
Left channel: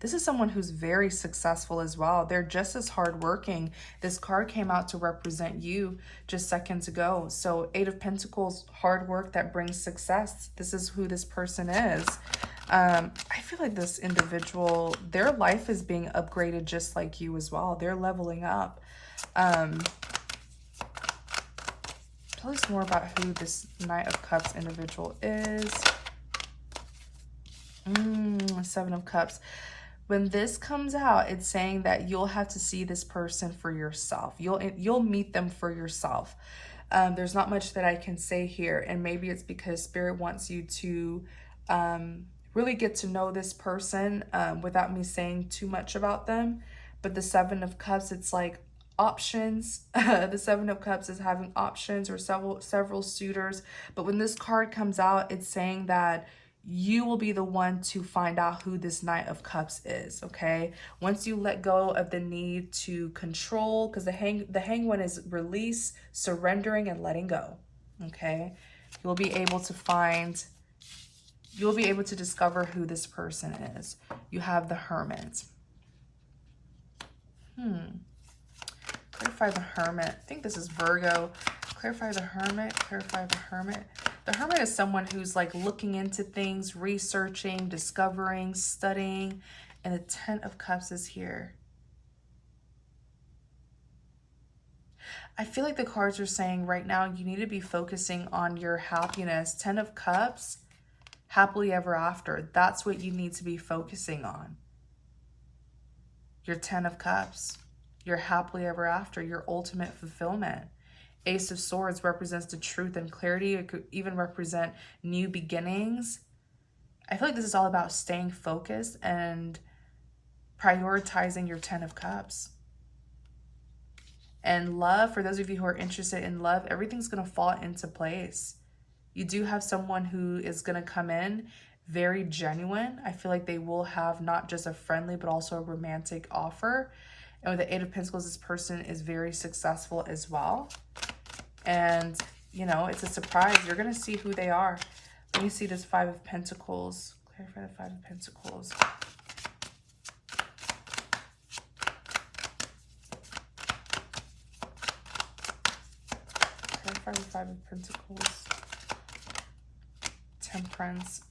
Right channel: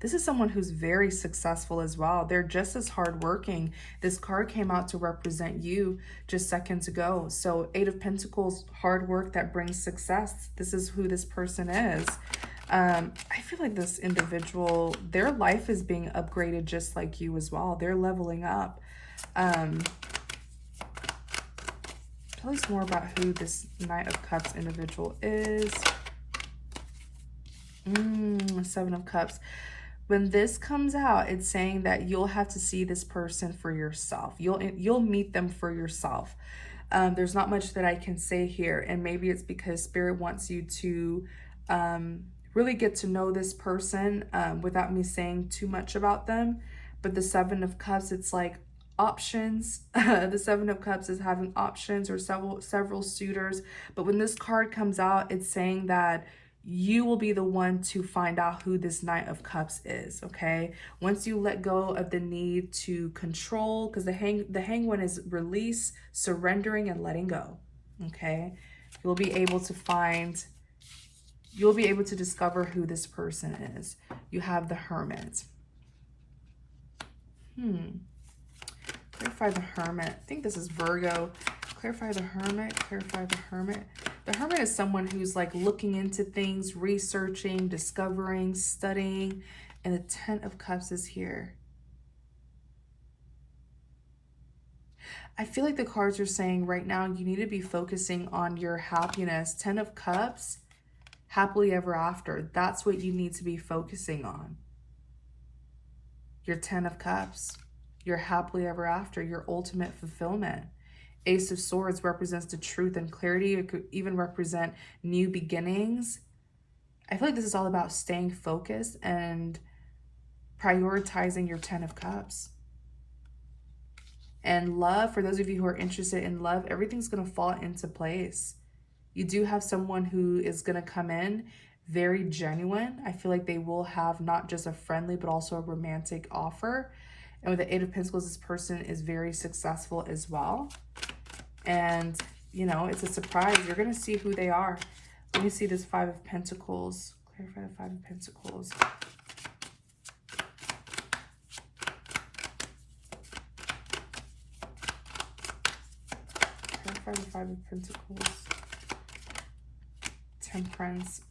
This is someone who's very successful as well. They're just as hardworking. This card came out to represent you just seconds ago. So 8 of Pentacles, hard work that brings success. This is who this person is. I feel like this individual, their life is being upgraded just like you as well. They're leveling up. Tell us more about who this Knight of Cups individual is. 7 of Cups. When this comes out, it's saying that you'll have to see this person for yourself. You'll meet them for yourself. There's not much that I can say here, and maybe it's because Spirit wants you to really get to know this person without me saying too much about them. But the 7 of Cups, it's like options. The Seven of Cups is having options or several suitors. But when this card comes out, it's saying that you will be the one to find out who this Knight of Cups is, okay? Once you let go of the need to control, because the hang one is release, surrendering, and letting go, okay? You'll be able to discover who this person is. You have the Hermit. Clarify the Hermit. I think this is Virgo. Clarify the Hermit. Clarify the Hermit. The Hermit is someone who's like looking into things, researching, discovering, studying. And the Ten of Cups is here. I feel like the cards are saying right now you need to be focusing on your happiness. Ten of Cups, happily ever after. That's what you need to be focusing on. Your Ten of Cups, your happily ever after, your ultimate fulfillment. Ace of Swords represents the truth and clarity. It could even represent new beginnings. I feel like this is all about staying focused and prioritizing your Ten of Cups. And love, for those of you who are interested in love, everything's going to fall into place. You do have someone who is going to come in very genuine. I feel like they will have not just a friendly, but also a romantic offer. And with the Eight of Pentacles, this person is very successful as well. And, you know, it's a surprise. You're going to see who they are. Let me see this Five of Pentacles. Clarify the Five of Pentacles. Clarify the Five of Pentacles. Temperance.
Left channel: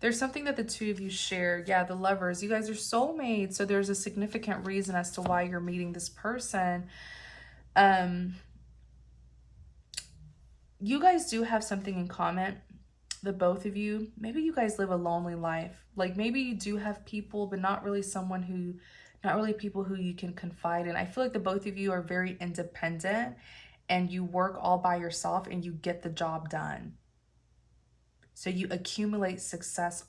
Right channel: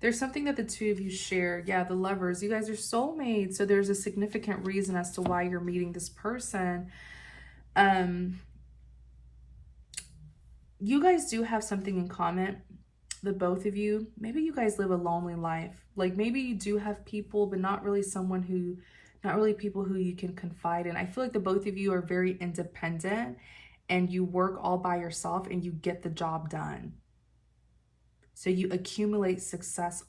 There's something that the two of you share. Yeah, the Lovers. You guys are soulmates. So there's a significant reason as to why you're meeting this person. You guys do have something in common, the both of you. Maybe you guys live a lonely life. Like maybe you do have people, but not really people who you can confide in. I feel like the both of you are very independent and you work all by yourself and you get the job done. So you accumulate success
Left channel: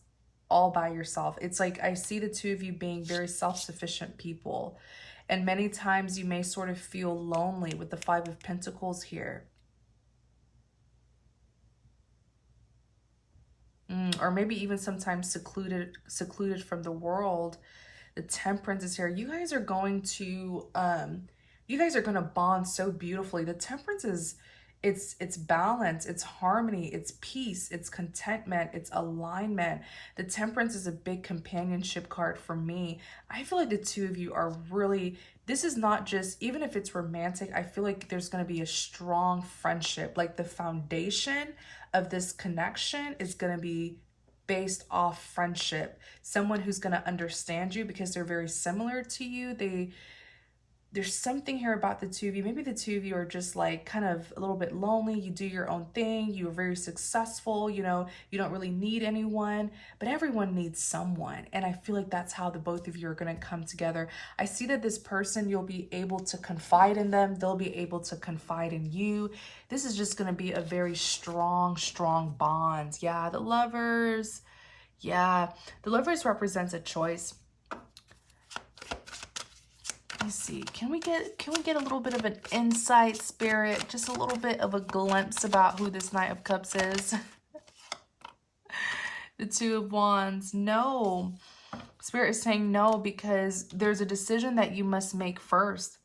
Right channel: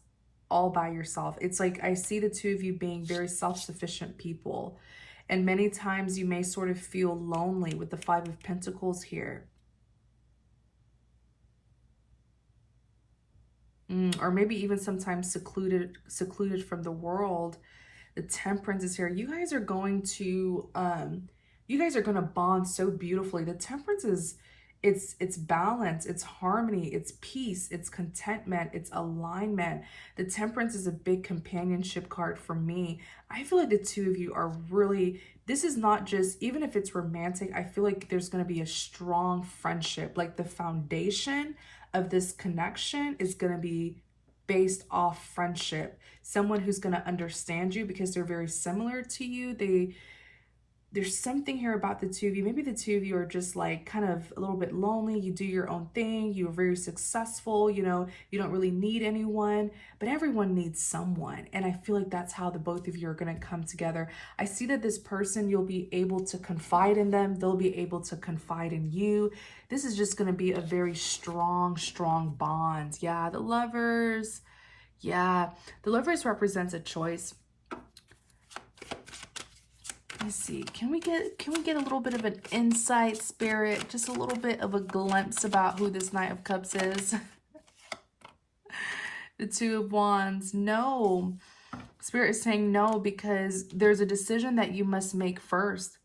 all by yourself. It's like I see the two of you being very self-sufficient people. And many times you may sort of feel lonely with the Five of Pentacles here. Or maybe even sometimes secluded from the world. The Temperance is here. You guys are going to bond so beautifully. The Temperance is, it's balance, it's harmony, it's peace, it's contentment, it's alignment. The Temperance is a big companionship card for me. I feel like the two of you are really, this is not just, even if it's romantic, I feel like there's going to be a strong friendship. Like the foundation of this connection is going to be based off friendship. Someone who's going to understand you because they're very similar to you. There's something here about the two of you. Maybe the two of you are just like kind of a little bit lonely. You do your own thing. You're very successful. You know, you don't really need anyone, but everyone needs someone. And I feel like that's how the both of you are going to come together. I see that this person, you'll be able to confide in them. They'll be able to confide in you. This is just going to be a very strong bond. Yeah, the Lovers. Yeah, the Lovers represents a choice. Let me see. Can we get a little bit of an insight, Spirit? Just a little bit of a glimpse about who this Knight of Cups is. The Two of Wands. No. Spirit is saying no because there's a decision that you must make first.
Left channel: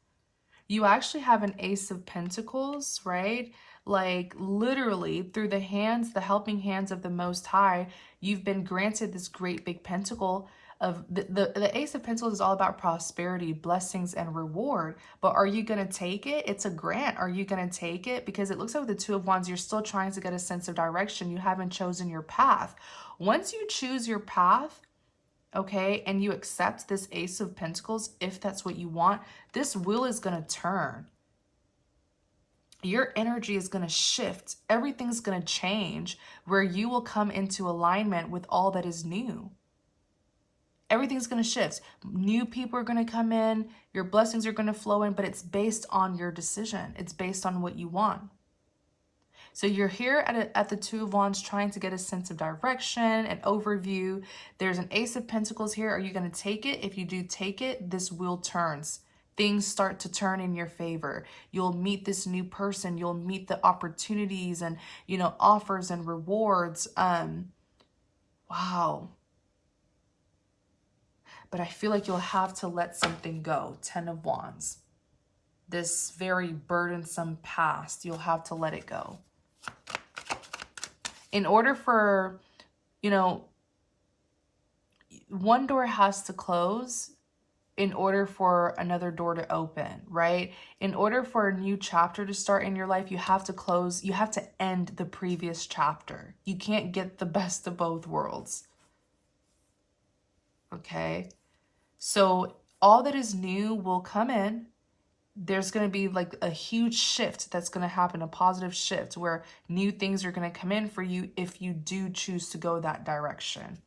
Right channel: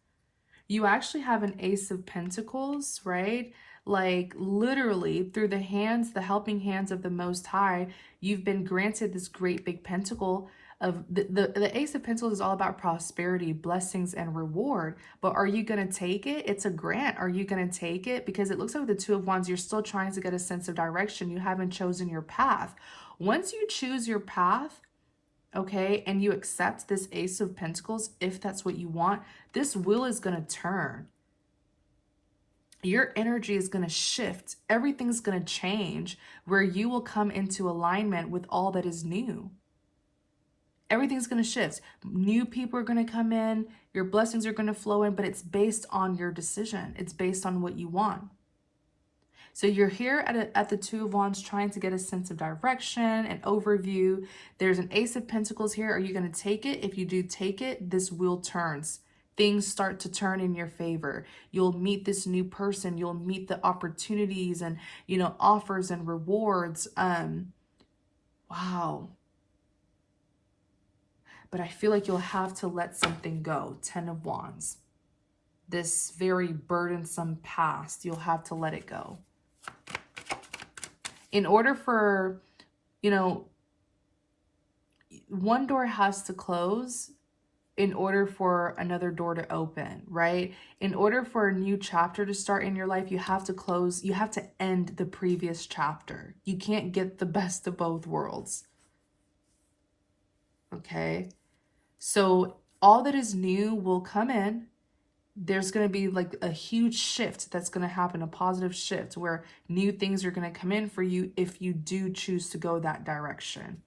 You actually have an Ace of Pentacles, right? Like literally through the helping hands of the Most High, you've been granted this great big pentacle. Of the Ace of Pentacles is all about prosperity, blessings, and reward. But are you going to take it? It's a grant. Are you going to take it? Because it looks like with the Two of Wands, you're still trying to get a sense of direction. You haven't chosen your path. Once you choose your path, okay, and you accept this Ace of Pentacles, if that's what you want, this wheel is going to turn. Your energy is going to shift. Everything's going to change where you will come into alignment with all that is new. Everything's going to shift. New people are going to come in. Your blessings are going to flow in, but it's based on your decision. It's based on what you want. So you're here at the Two of Wands trying to get a sense of direction, an overview. There's an Ace of Pentacles here. Are you going to take it? If you do take it, this wheel turns. things start to turn in your favor. You'll meet this new person. You'll meet the opportunities and, you know, offers and rewards. Wow. But I feel like you'll have to let something go. 10 of Wands. This very burdensome past, you'll have to let it go. In order for, you know, one door has to close in order for another door to open, right? In order for a new chapter to start in your life, you have to close, you have to end the previous chapter. You can't get the best of both worlds. Okay? So all that is new will come in. There's going to be like a huge shift that's going to happen, a positive shift where new things are going to come in for you if you do choose to go that direction.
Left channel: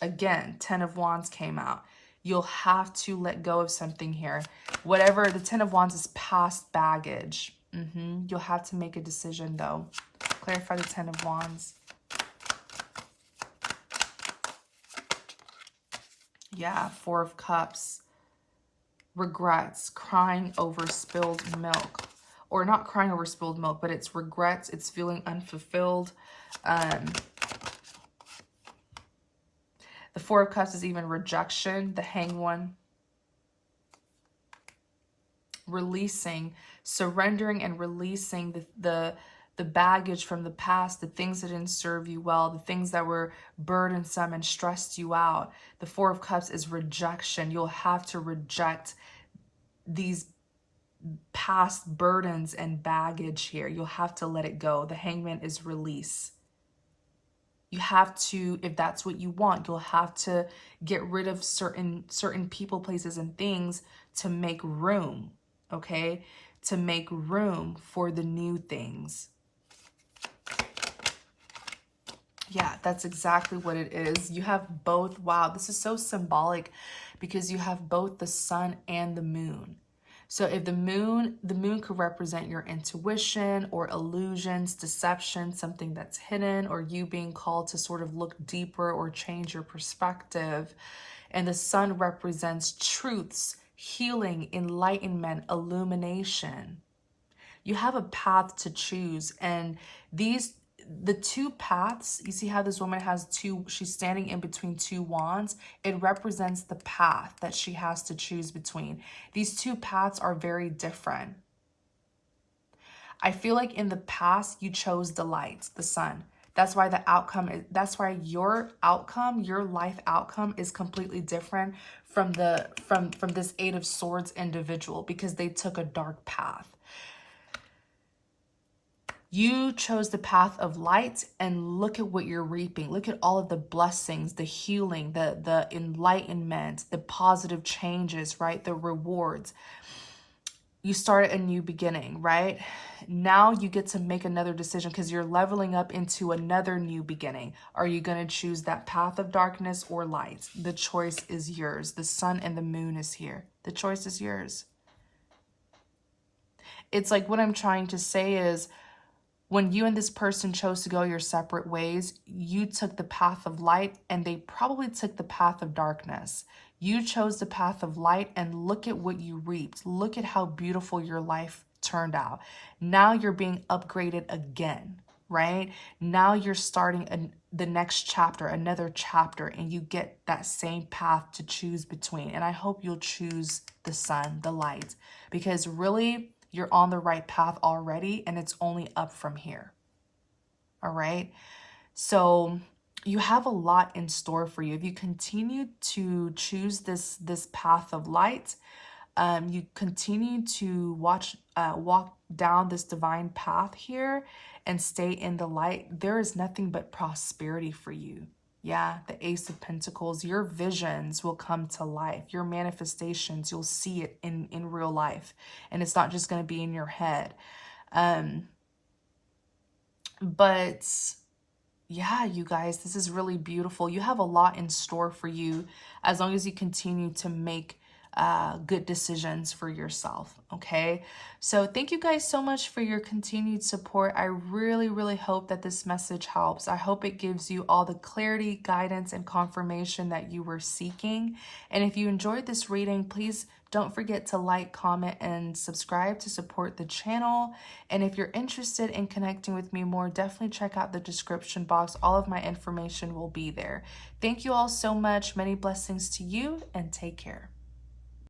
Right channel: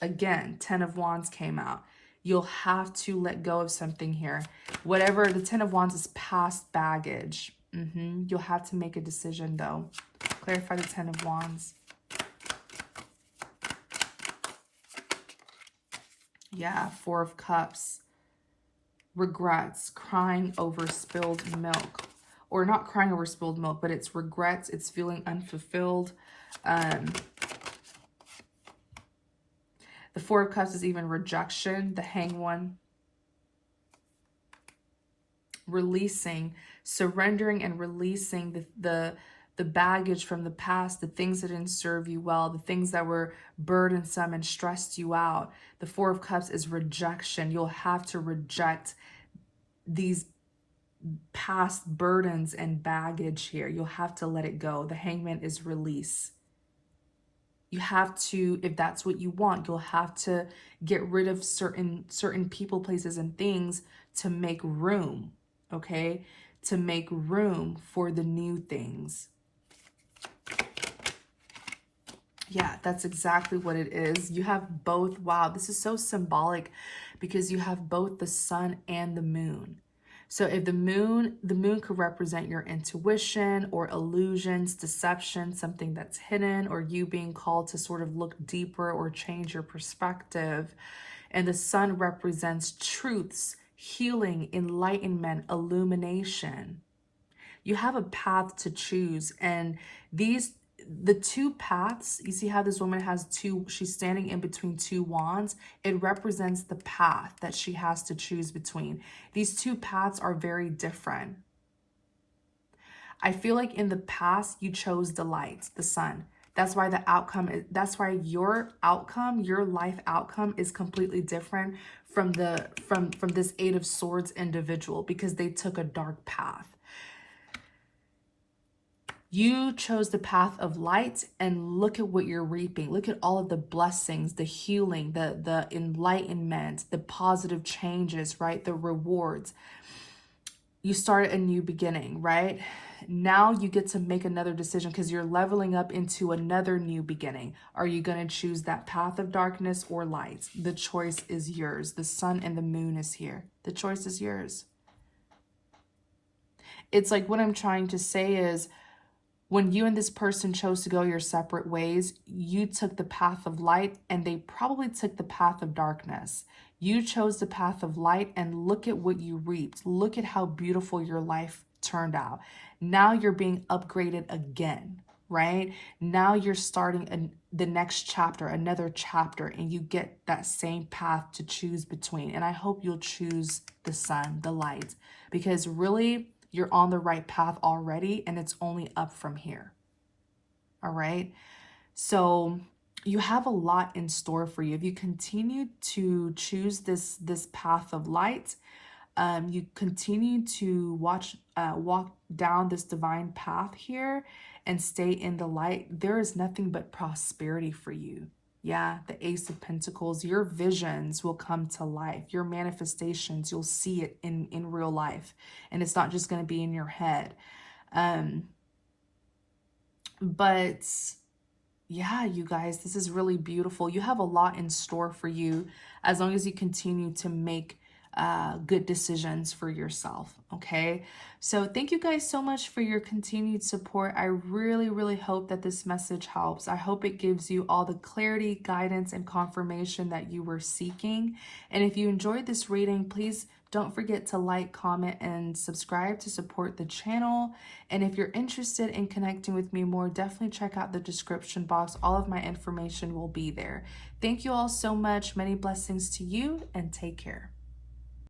Again, 10 of Wands came out. You'll have to let go of something here. Whatever, the 10 of Wands is past baggage. You'll have to make a decision though. Clarify the 10 of Wands. Yeah, 4 of Cups. Regrets, crying over spilled milk. Or not crying over spilled milk, but it's regrets. It's feeling unfulfilled. The 4 of Cups is even rejection, the Hanged One. Releasing, surrendering and releasing the baggage from the past, the things that didn't serve you well, the things that were burdensome and stressed you out. The 4 of Cups is rejection. You'll have to reject these past burdens and baggage here. You'll have to let it go. The Hangman is release. You have to, if that's what you want, you'll have to get rid of certain people, places, and things to make room, okay? To make room for the new things. Yeah, that's exactly what it is. You have both. Wow, this is so symbolic because you have both the sun and the moon. So if the moon could represent your intuition or illusions, deception, something that's hidden, or you being called to sort of look deeper or change your perspective. And the sun represents truths, healing, enlightenment, illumination. You have a path to choose, and the 2 paths, you see how this woman has 2, she's standing in between 2 wands. It represents the path that she has to choose between. These 2 paths are very different. I feel like in the past, you chose the light, the sun. That's why the outcome is, that's why your outcome, your life outcome is completely different from this 8 of Swords individual, because they took a dark path. You chose the path of light, and look at what you're reaping. Look at all of the blessings, the healing, the enlightenment, the positive changes, right? The rewards. You start a new beginning, right? Now you get to make another decision because you're leveling up into another new beginning. Are you going to choose that path of darkness or light? The choice is yours. The sun and the moon is here. The choice is yours. It's like what I'm trying to say is, when you and this person chose to go your separate ways, you took the path of light and they probably took the path of darkness. You chose the path of light, and look at what you reaped. Look at how beautiful your life turned out. Now you're being upgraded again, right? Now you're starting the next chapter, another chapter, and you get that same path to choose between. And I hope you'll choose the sun, the light, because really, you're on the right path already, and it's only up from here. All right. So you have a lot in store for you. If you continue to choose this path of light, you continue to walk down this divine path here and stay in the light, there is nothing but prosperity for you. Yeah, the Ace of Pentacles, your visions will come to life. Your manifestations, you'll see it in real life. And it's not just going to be in your head. But yeah, you guys, this is really beautiful. You have a lot in store for you as long as you continue to make good decisions for yourself, okay? So thank you guys so much for your continued support. I really, really hope that this message helps. I hope it gives you all the clarity, guidance, and confirmation that you were seeking. And if you enjoyed this reading, please don't forget to like, comment, and subscribe to support the channel. And if you're interested in connecting with me more, definitely check out the description box. All of my information will be there. Thank you all so much. Many blessings to you, and take care.